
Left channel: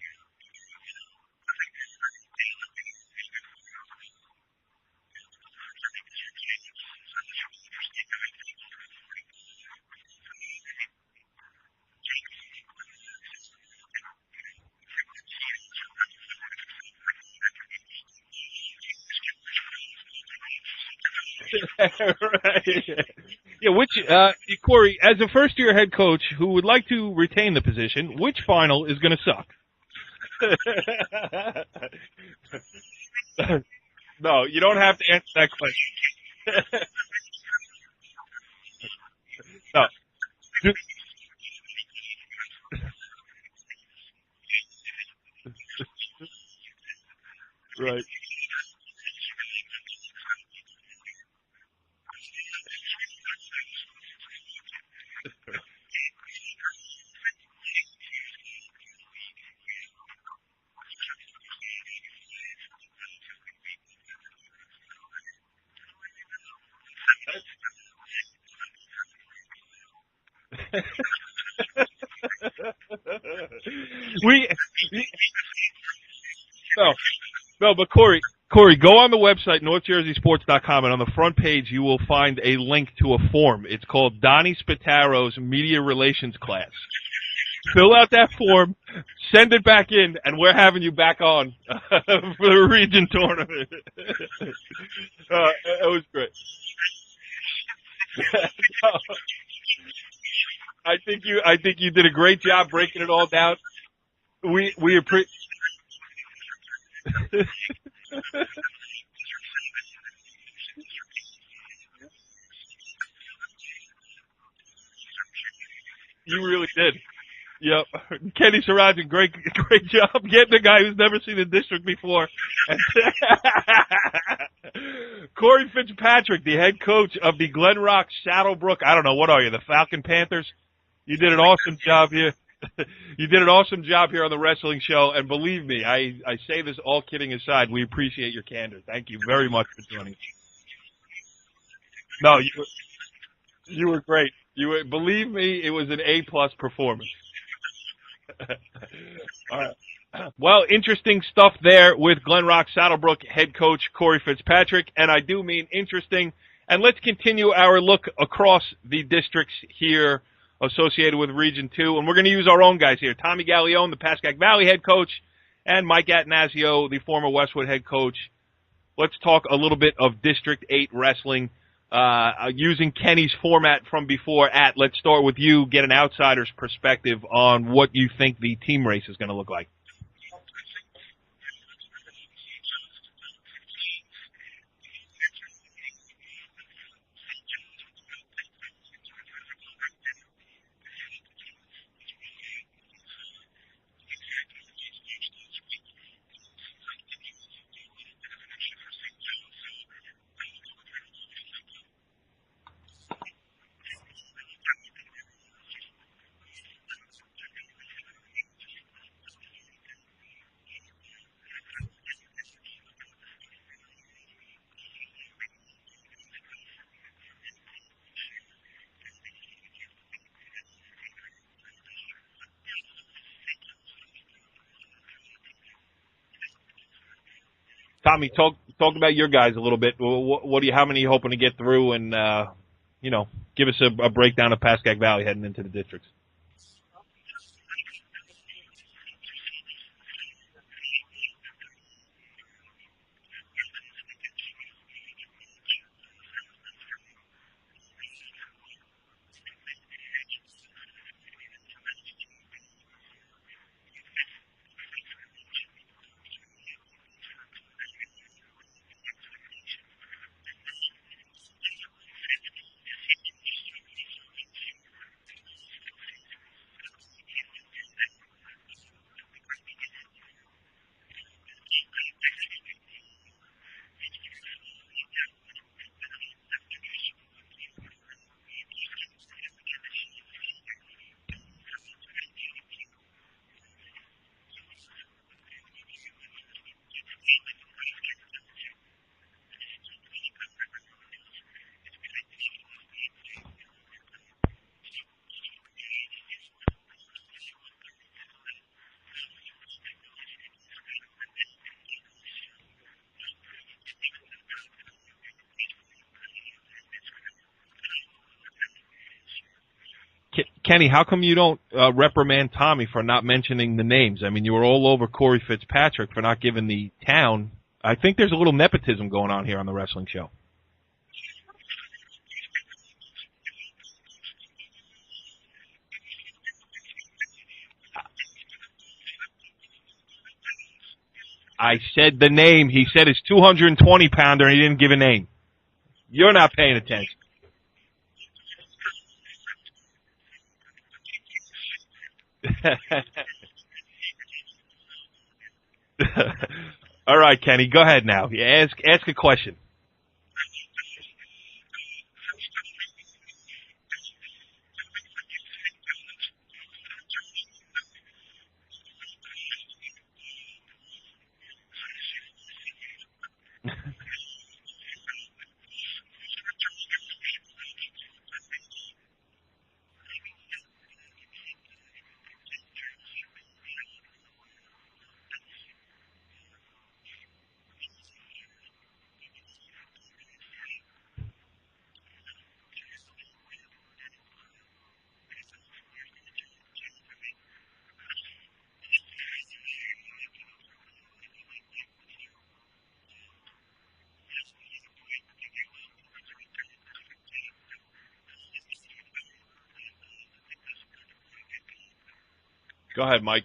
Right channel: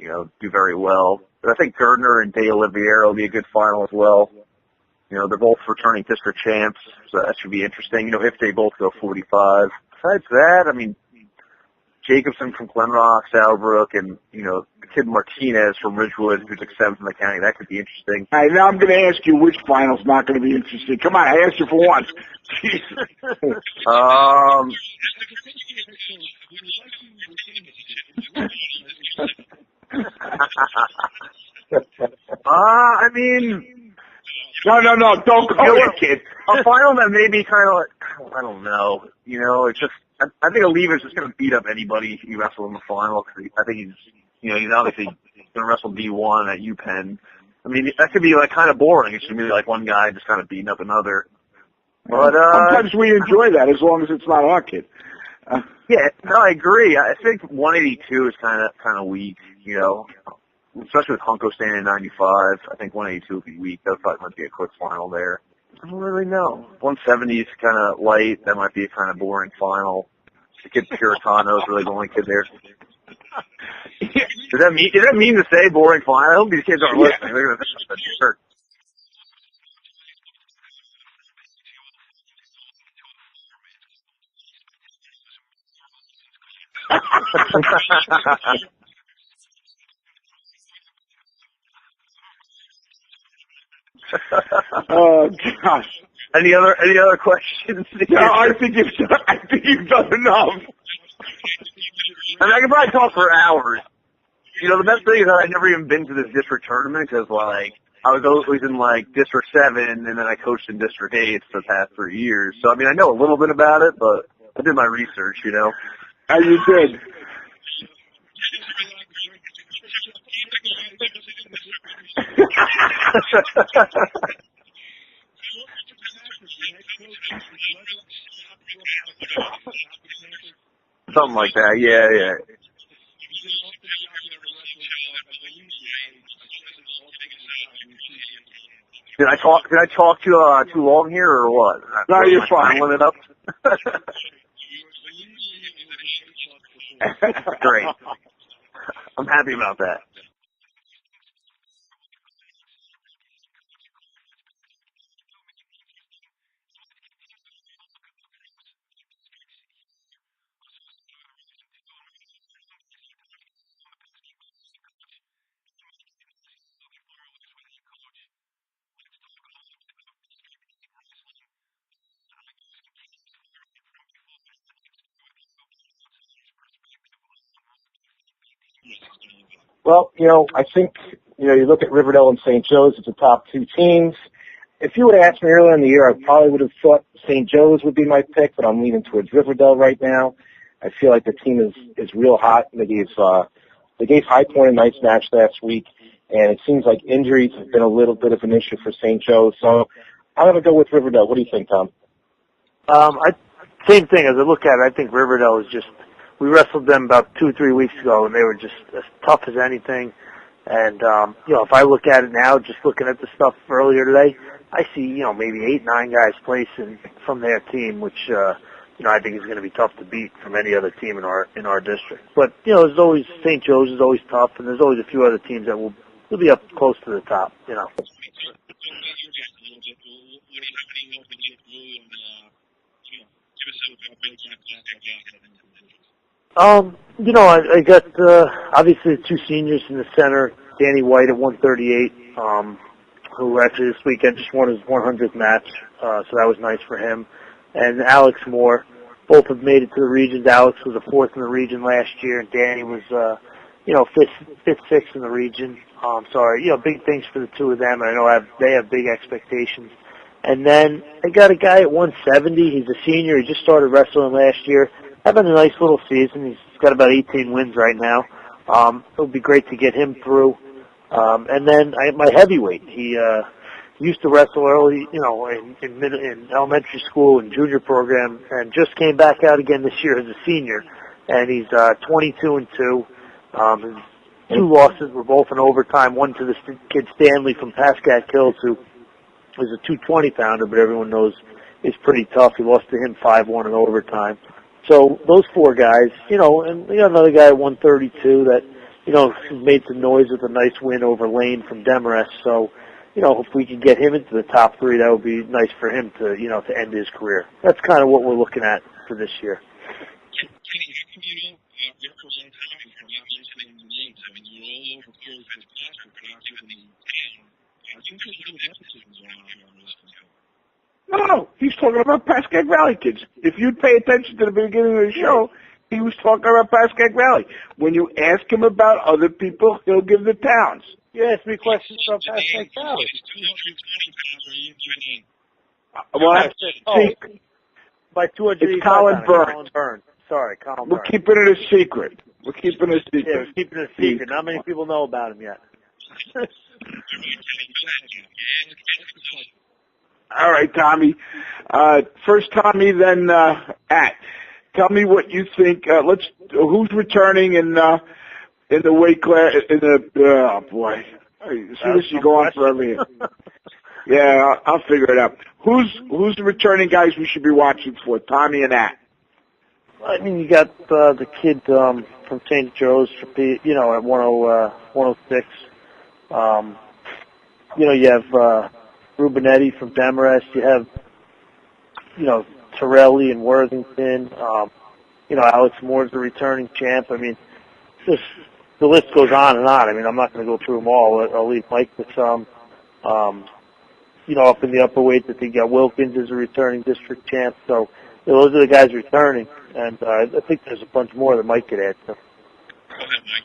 do very well. But I think Gardner and De Oliveira will be a good final as well. They're both returning district champs, so that should be interesting. If they both go 45. Besides that, I mean, Jacobson from Glenrock, Southbrook, and, the kid Martinez from Ridgewood, who took seventh in the county. That could be interesting. All right, now I'm going to ask you which final's not going to be interesting. Come on, I asked you for one. Corey, as a first-year head coach who would like to retain the position, which final is going to suck? I mean... No, you don't have to. Don't go it, kid. A final that may be kind of like, I don't know. Just, I think Oliva's just going to beat up anybody he wrestles in the final. Cause I think he's obviously going to wrestle D1 at UPenn. I mean, that could be like kind of boring. It should be like one guy just kind of beating up another. But sometimes we enjoy that as long as it's not our kid. Yeah, no, I agree. I think 182 is kind of weak. Especially with Hunko standing at 95, I think 182 would be weak. That probably might be a quick final there. I don't really know. 170 is kind of light. That might be a kind of boring final. The kid Puritano is really the only kid there. Does that mean to say boring final? I hope these kids aren't listening. No, but Corey, go on the website, NorthJerseySports.com, and on the front page you will find a link to a form. It's called Donnie Spataro's Media Relations Class. So fill out that form, send it back in, and we're having you back on for the region tournament. That was great. Any other questions? No, I think you've done enough. I think you did a great job. I can probably talk for hours. The best thing is that I've never even been to this district tournament because, I was always in, District 7, and then I coached in District 8 for the past 3 years. So, I mean, I know a little bit about it, but I did my research, You did. Yep. Kenny Sarajan, great job getting a guy who's never seen a district before. Corey Fitzpatrick, the head coach of the Glenrock Saddlebrook, I don't know, what are you, the Falcon Panthers? You did an awesome job here. You did an awesome job here on the wrestling show, and believe me, I say this all kidding aside, we appreciate your candor. Thank you very much. Did I talk too long here, or what? No, you're fine. It up? You were great. Believe me, it was an A-plus performance. Great. I'm happy about that. Well, interesting stuff there with Glenrock Saddlebrook head coach Corey Fitzpatrick, and I do mean interesting. And let's continue our look across the districts here associated with Region 2, and we're going to use our own guys here. Tommy Gallione, the Pascack Valley head coach, and Mike Attanasio, the former Westwood head coach. Let's talk a little bit of District 8 wrestling. Using Kenny's format from before, let's start with you, get an outsider's perspective on what you think the team race is going to look like. Well, I think, you look at Riverdale and St. Joe's, it's the top two teams. If you would have asked me earlier in the year, I probably would have thought St. Joe's would be my pick, but I'm leaning towards Riverdale right now. I feel like the team is real hot. They gave High Point a nice match last week, and it seems like injuries have been a little bit of an issue for St. Joe's. So I'm going to go with Riverdale. What do you think, Tom? Same thing. As I look at it, I think Riverdale is we wrestled them about 2-3 weeks ago, and they were just as tough as anything. And, if I look at it now, just looking at the stuff earlier today, I see, maybe 8, 9 guys placing from their team, which, I think is going to be tough to beat from any other team in our district. But, there's always, St. Joe's is always tough, and there's always a few other teams that will be up close to the top, Tommy, talk about your guys a little bit. How many are you hoping to get through, and, give us a breakdown of Pascack Valley heading into the districts. I got, obviously the 2 seniors in the center, Danny White at 138, who actually this weekend just won his 100th match, so that was nice for him. And Alex Moore, both have made it to the regions. Alex was a 4th in the region last year, and Danny was, 5th, 6th in the region. Big things for the 2 of them. I know they have big expectations. And then I got a guy at 170. He's a senior. He just started wrestling last year. Having a nice little season. He's got about 18 wins right now. It would be great to get him through. And then my heavyweight. He used to wrestle early, in elementary school and junior program, and just came back out again this year as a senior. And he's 22-2. His 2 losses were both in overtime. One to the kid Stanley from Pascack Hills, who is a 220-pounder, but everyone knows is pretty tough. He lost to him 5-1 in overtime. So those 4 guys, and we got another guy at 132 that, made some noise with a nice win over Lane from Demarest. So, if we could get him into the top 3, that would be nice for him to, to end his career. That's kind of what we're looking at for this year. Kenny, how come you don't reprimand Tommy for not mentioning the names? I mean, you were all over Corey Fitzpatrick for not giving the town. I think there's a little nepotism going on here on the wrestling show. No, he's talking about Pascack Valley kids. If you'd pay attention to the beginning of the show, he was talking about Pascack Valley. When you ask him about other people, he'll give the towns. I said the name. He said it's 220-pounder, and he didn't give a name. You're not paying attention. By 200, it's Colin Burns. Sorry, Colin Burns. We're keeping it a secret. We're keeping it a secret. Not many people know about him yet. All right, Kenny, go ahead now. Ask a question. All right, Tommy. First Tommy, then At. Tell me what you think. Who's returning in the weight class? Oh boy, see this you go on forever here. Yeah, I'll figure it out. Who's the returning guys we should be watching for? Tommy and At. I mean, you got the kid from St. Joe's, at 106. You have Rubinetti from Demarest. You have, Torelli and Worthington. Alex Moore's the returning champ. I mean, the list goes on and on. I mean, I'm not going to go through them all. I'll leave Mike with some. Up in the upper weight, that they got Wilkins as a returning district champ. So those are the guys returning, and I think there's a bunch more that Mike could add to. Go ahead, Mike.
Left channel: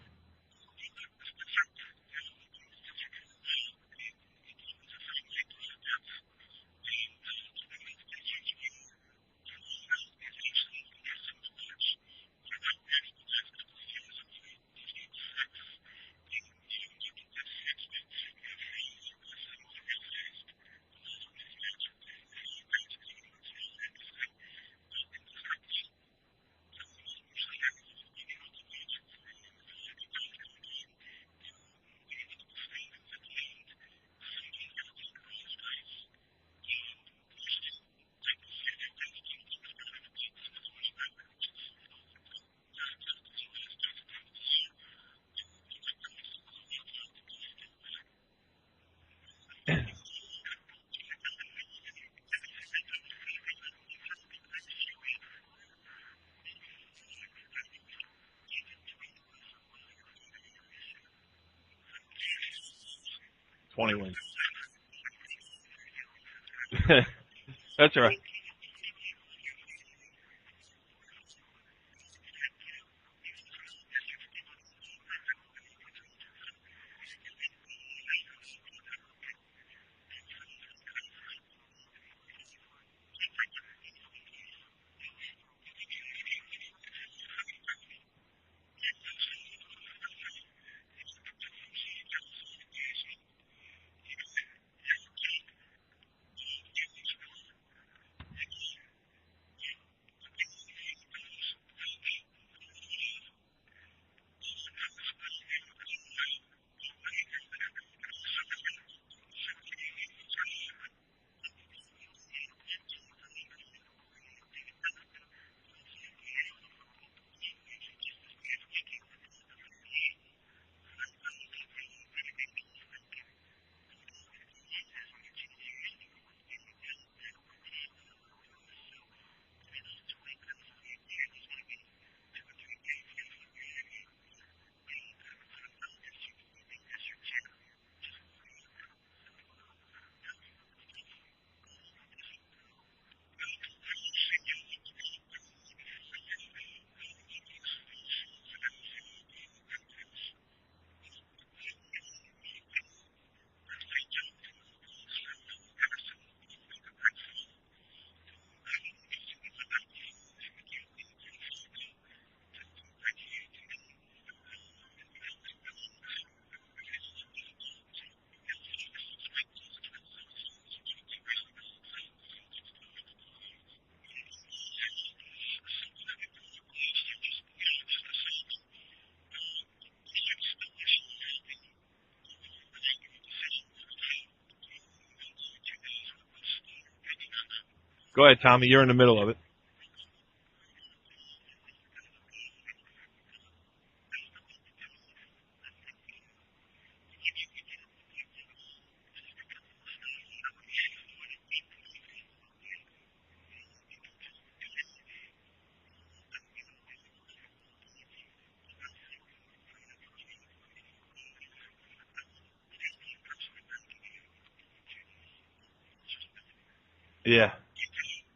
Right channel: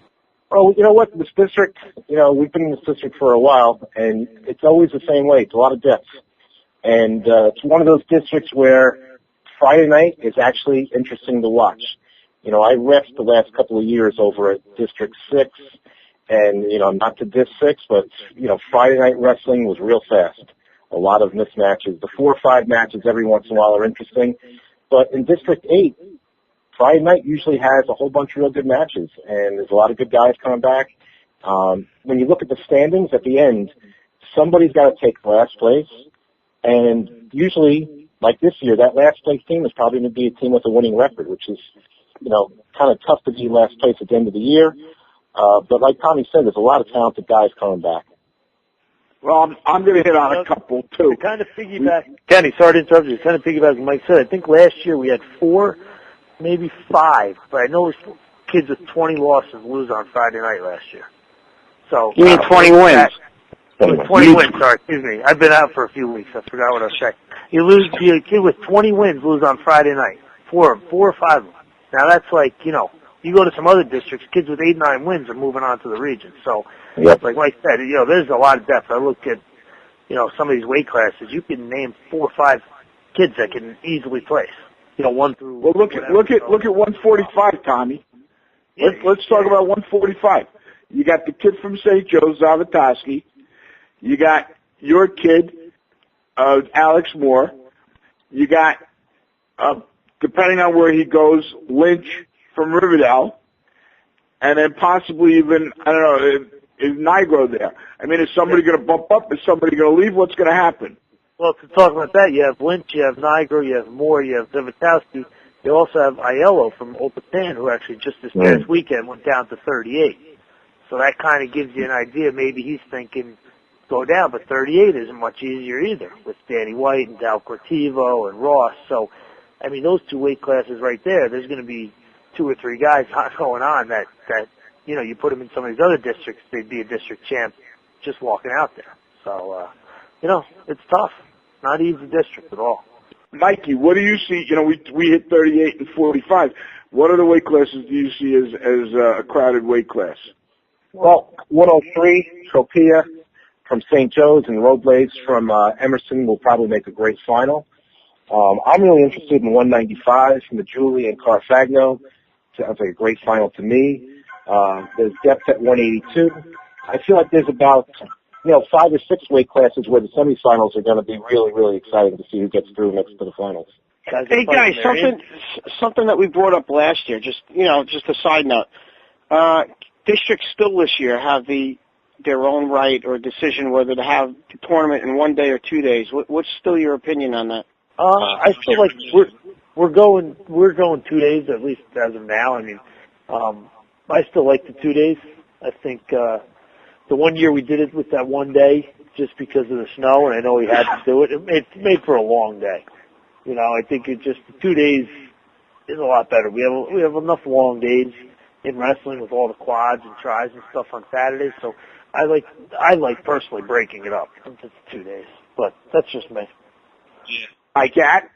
Oh, you know what? This district, we've been in this district for a while, and it's always the same way. It's a lot of depth. And it's one of those districts where Friday night is actually interesting to watch. I refed the last couple of years over at District 6, and, not to District 6, but, Friday night wrestling was real fast. A lot of mismatches. The 4 or 5 matches every once in a while are interesting. But in District 8, Friday night usually has a whole bunch of real good matches, and there's a lot of good guys coming back. When you look at the standings at the end, somebody's got to take last place, and usually, like this year, that last place team is probably going to be a team with a winning record, which is, kind of tough to be last place at the end of the year. But like Tommy said, there's a lot of talented guys coming back. Well, I'm going to hit on a couple, too. To kind of piggyback, Kenny, sorry to interrupt you. Kind of piggyback what Mike said. I think last year we had 4, maybe 5, but I know kids with 20 losses lose on Friday night last year. So you mean 20 wins? 20 wins, sorry, excuse me. I've been out for a few weeks. I forgot what I was saying. You a kid with 20 wins lose on Friday night. 4 or 5 of them. Now that's like, you go to some other districts, kids with 8, 9 wins are moving on to the region. So, like Mike said, there's a lot of depth. I look at, some of these weight classes. You can name 4 or 5 kids that can easily place. 1 through. Well, look at 145, Tommy. Let's talk about 145. You got the kid from St. Joe's, Zavatoski. You got your kid, Alex Moore. You got, depending on where he goes, Lynch from Riverdale, and then possibly even, I don't know, is Nigro there? I mean, is somebody going to bump up? Is somebody going to leave? What's going to happen? Well, to talk about that, you have Lynch, you have Niagara, you have Moore, you have Zavitowski. You also have Aiello from Old Patan, who actually just this past weekend went down to 38. So that kind of gives you an idea. Maybe he's thinking go down, but 38 isn't much easier either with Danny White and Dal Cortivo and Ross. So, I mean, those two weight classes right there, there's going to be 2 or 3 guys going on that, you know, you put them in some of these other districts, they'd be a district champ just walking out there. So, you know, it's tough. Not easy district at all. Mikey, what do you see? You know, we hit 38 and 45. What other weight classes do you see as a crowded weight class? Well, 103, Tropea from St. Joe's and Robles from Emerson will probably make a great final. I'm really interested in 195 from the Julie and Carfagno. Sounds like a great final to me. There's depth at 182. I feel like there's about 5 or 6 weight classes where the semifinals are going to be really, really exciting to see who gets through next to the finals. Hey guys, something that we brought up last year. Just a side note. Districts still this year have their own right or decision whether to have the tournament in 1 day or 2 days. What's still your opinion on that? Go ahead, Tommy. You're in the middle of it. We're going 2 days, at least as of now. I mean, I still like the 2 days. I think the one year we did it with that 1 day just because of the snow, and I know we had to do it. It made for a long day. You know, I think the 2 days is a lot better. We have enough long days in wrestling with all the quads and tries and stuff on Saturdays. So I like personally breaking it up into 2 days, but that's just me. Yeah. Hi, Kat.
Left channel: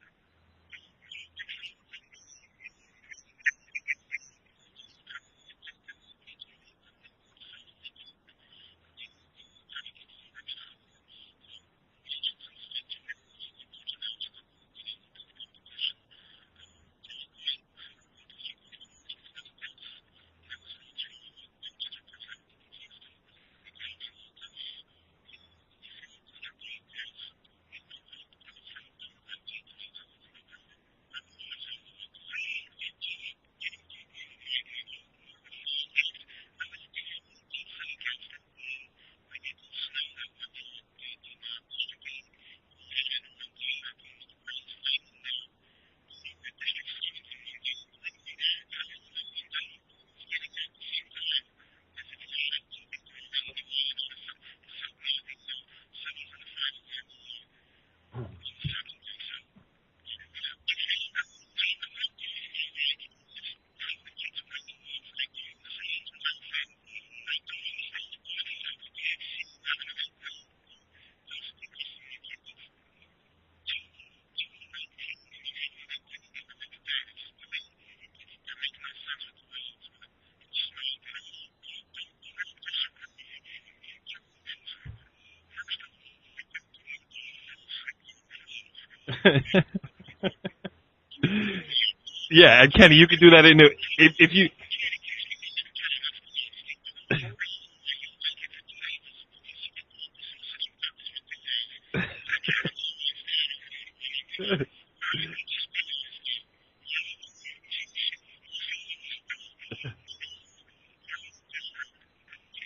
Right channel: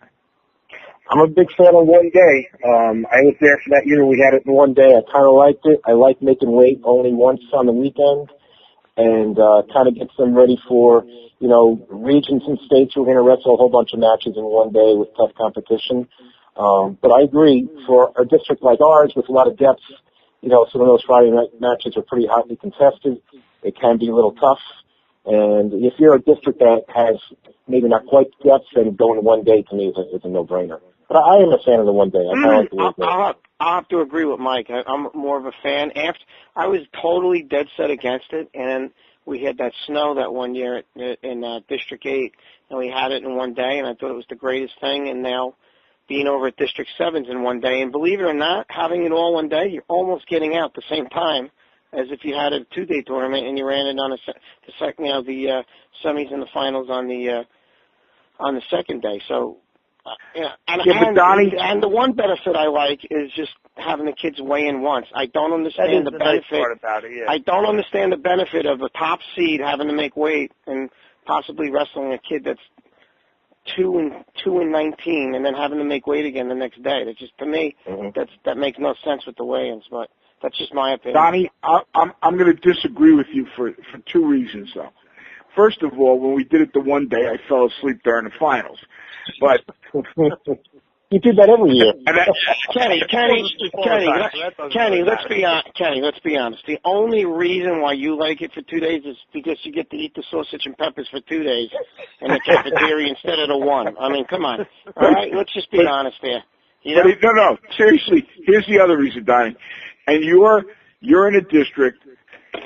I'm a big fan of 1 day. I was there for that year. We had it in 1 day. I kind of liked it. I like making weight only once on the weekend and kind of gets them ready for, regions and states who are going to wrestle a whole bunch of matches in 1 day with tough competition. But I agree, for a district like ours with a lot of depth, some of those Friday night matches are pretty hotly contested. It can be a little tough. And if you're a district that has maybe not quite the depth, then going 1 day to me is a no-brainer. But I am a fan of the 1 day. I kind of like the way I'll have to agree with Mike. I'm more of a fan. I was totally dead set against it, and we had that snow that 1 year in District 8, and we had it in 1 day, and I thought it was the greatest thing. And now being over at District 7's in 1 day, and believe it or not, having it all 1 day, you're almost getting out the same time as if you had a 2-day tournament and you ran it on the semis and the finals on the second day. So. And the one benefit I like is just having the kids weigh in once. I don't understand the benefit. Nice part about it, yeah. I don't understand the benefit of a top seed having to make weight and possibly wrestling a kid that's 2 and 19 and then having to make weight again the next day. That just, to me, that makes no sense with the weigh-ins. But that's just my opinion. Donnie, I'm going to disagree with you for 2 reasons, though. First of all, when we did it the 1 day, I fell asleep during the finals. But you did that every year. And Kenny, you can do that in Kenny, let's be honest. The only reason why you like it for 2 days is because you get to eat the sausage and peppers for 2 days in the cafeteria instead of the 1. I mean, come on. All right, let's just be honest there. You know? No, seriously. Here's the other reason, Donnie. And you're in a district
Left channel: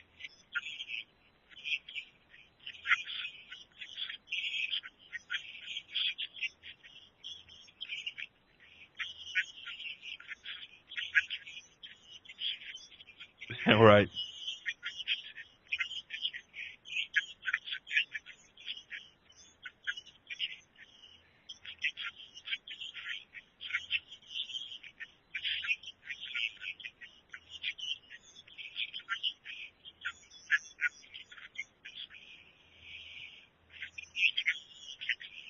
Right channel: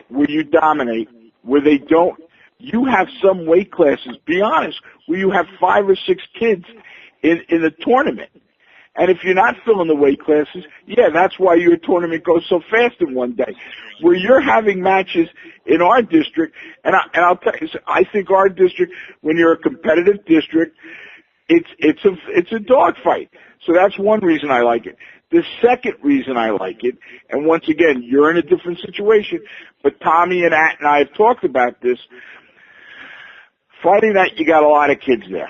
where you dominate, where they don't. You have some weight classes, be honest, where you have 5 or 6 kids in the tournament. And if you're not filling the weight classes, that's why your tournament goes so fast in 1 day. Right. Where you're having matches in our district, and I'll tell you, I think our district, when you're a competitive district, it's a dogfight. So that's one reason I like it. The second reason I like it, and once again, you're in a different situation, but Tommy and At and I have talked about this. Friday night, you got a lot of kids there.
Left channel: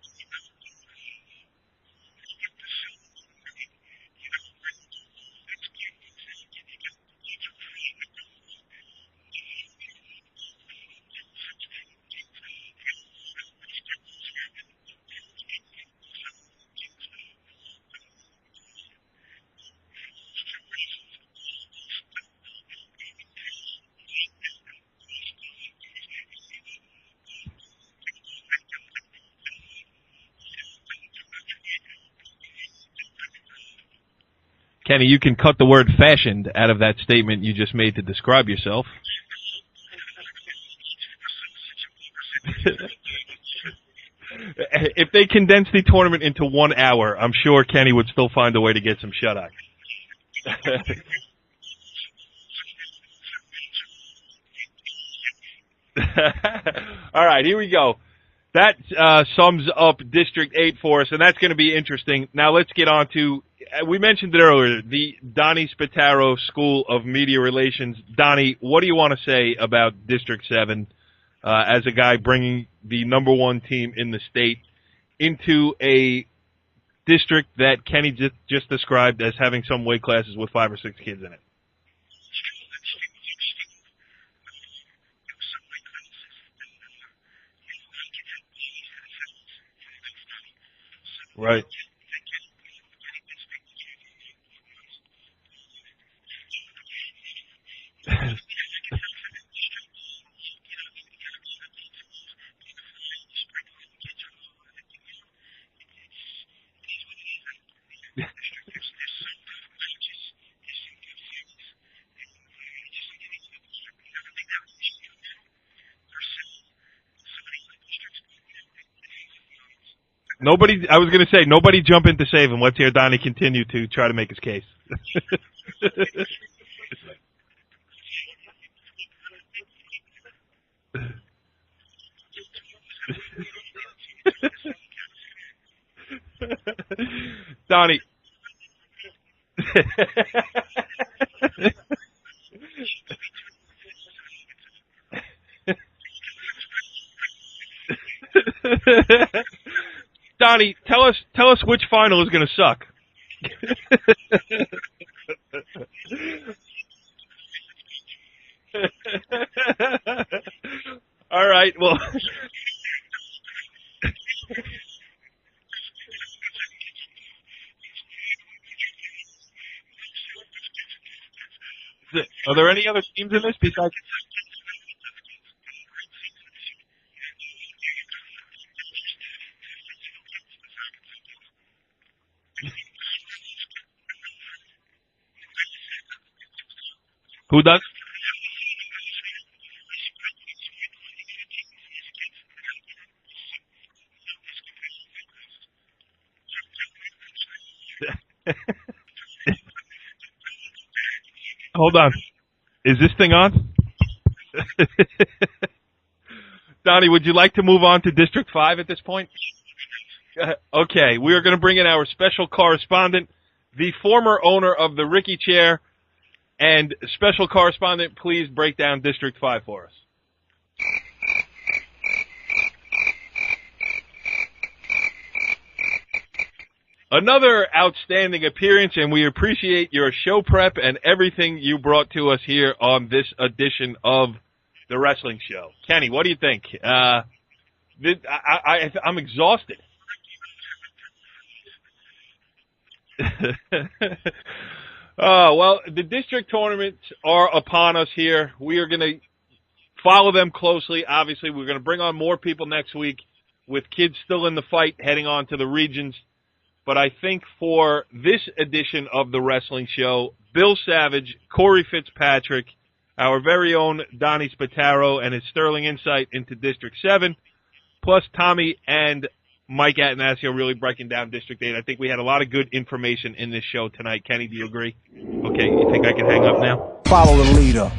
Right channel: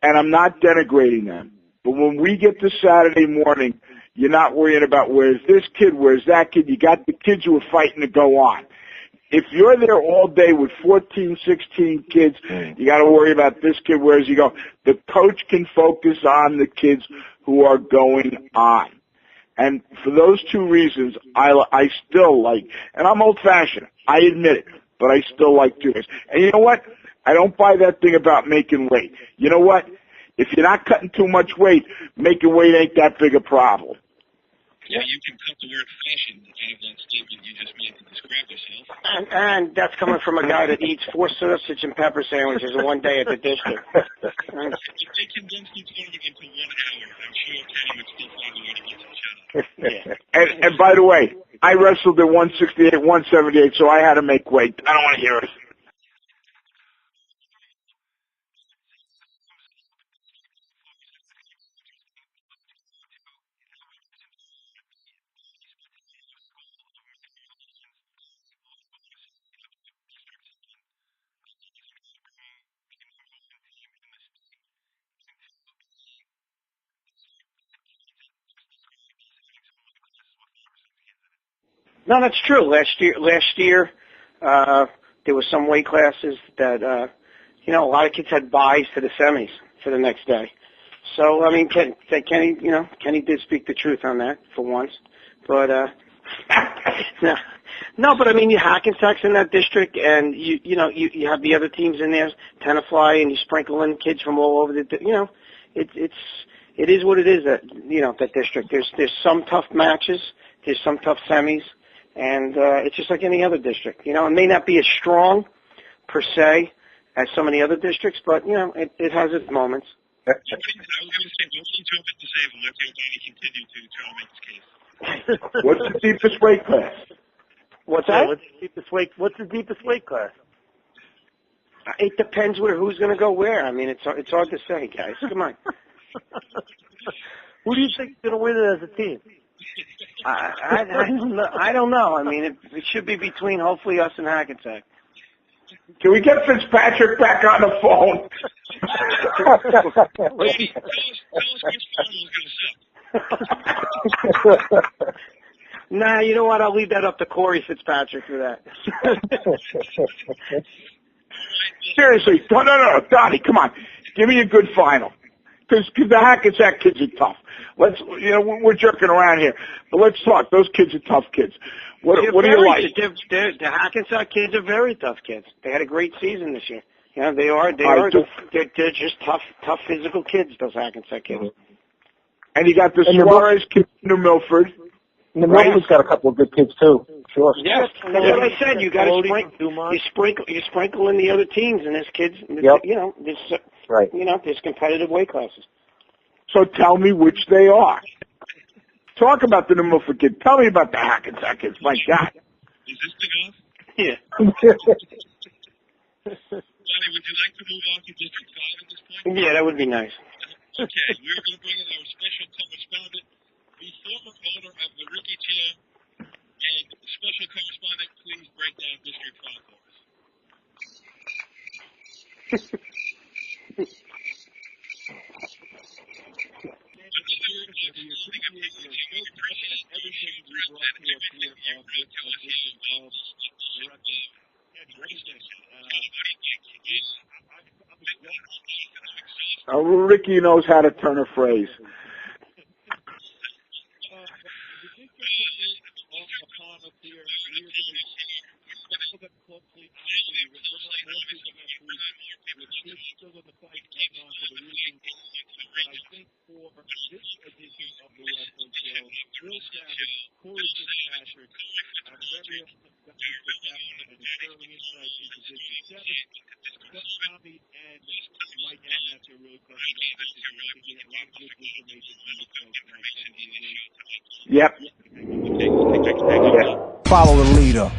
And I'm not denigrating them. But when we get to Saturday morning, you're not worrying about where's this kid, where's that kid. You got the kids who are fighting to go on. If you're there all day with 14, 16 kids, you got to worry about this kid, where's he go. The coach can focus on the kids who are going on. And for those 2 reasons, I still like, and I'm old-fashioned, I admit it, but I still like 2 days. And you know what? I don't buy that thing about making weight. You know what? If you're not cutting too much weight, making weight ain't that big a problem. Kenny, you can cut the word fashioned out of that statement you just made to describe yourself. And that's coming from a guy that eats 4 sausage and pepper sandwiches in one day at the district. If they condense the tournament into 1 hour, I'm sure Kenny would still find a way to get some shut-eye. And by the way, I wrestled at 168, 178, so I had to make weight. I don't want to hear it. All right, here we go. That sums up District 8 for us, and that's going to be interesting. Now let's get on to, we mentioned it earlier, the Donnie Spataro School of Media Relations. Donnie, what do you want to say about District 7 as a guy bringing the #1 team in the state into a district that Kenny just described as having some weight classes with 5 or 6 kids in it? No, that's true. Last year, there were some weight classes that, a lot of kids had buys to the semis for the next day. So, right. I mean, Kenny did speak the truth on that for once. But, no, but I mean, Hackensack's in that district, and you have the other teams in there, Tenafly, and you sprinkle in kids from all over it is what it is that district. There's some tough matches, there's some tough semis, and it's just like any other district. It may not be as strong per se as some of the other districts, but it has its moments. I was going to say, nobody jump in to save him. Let's hear Donnie continue to try to make his case. What's the deepest weight class? What's that? What's the deepest weight class? It depends who's going to go where. I mean, it's hard to say, guys. Come on. Who Donnie, do you think's going to win it as a team? I don't know. I mean, it should be between hopefully us and Hackensack. Can we get Fitzpatrick back on the phone? Donnie, tell us which final is going to suck. Nah, you know what? I'll leave that up to Corey Fitzpatrick for that. All right. Well, seriously, no, Donnie, come on, give me a good final. Because the Hackensack kids are tough. We're jerking around here, but let's talk. Those kids are tough kids. What do you like? The Hackensack kids are very tough kids. They had a great season this year. They are. They're just tough physical kids. Those Hackensack kids. And you got the Suarez kid in New Milford. New Milford's got a couple of good kids too. Sure. Who does? That's what I said. You got to sprinkle in the other teams, and there's kids. Yep. Right. There's competitive weight classes. So tell me which they are. Talk about the New Milford kid. Tell me about the Hackensack kids. Hold on. God. Is this thing on? Yeah. Donnie, would you like to move on to District 5 at this point? Yeah, that would be nice. Okay, we are going to bring in our special correspondent, the former owner of the Ricky Chair, and special correspondent, please break down District 5 for us. Another outstanding appearance, and we appreciate your show prep and everything you brought to us here on this edition of the Wrestling Show. Kenny, what do you think? I'm exhausted. Ricky knows how to turn a phrase. Oh, well, the district tournaments are upon us here. We are going to follow them closely. Obviously, we're going to bring on more people next week with kids still in the fight heading on to the regions. But I think for this edition of the Wrestling Show, Bill Savage, Corey Fitzpatrick, our very own Donnie Spataro, and his sterling insight into District 7, plus Tommy and Mike Attanasio really breaking down District 8. I think we had a lot of good information in this show tonight. Kenny, do you agree? Okay, you think I can hang up now? Follow the leader.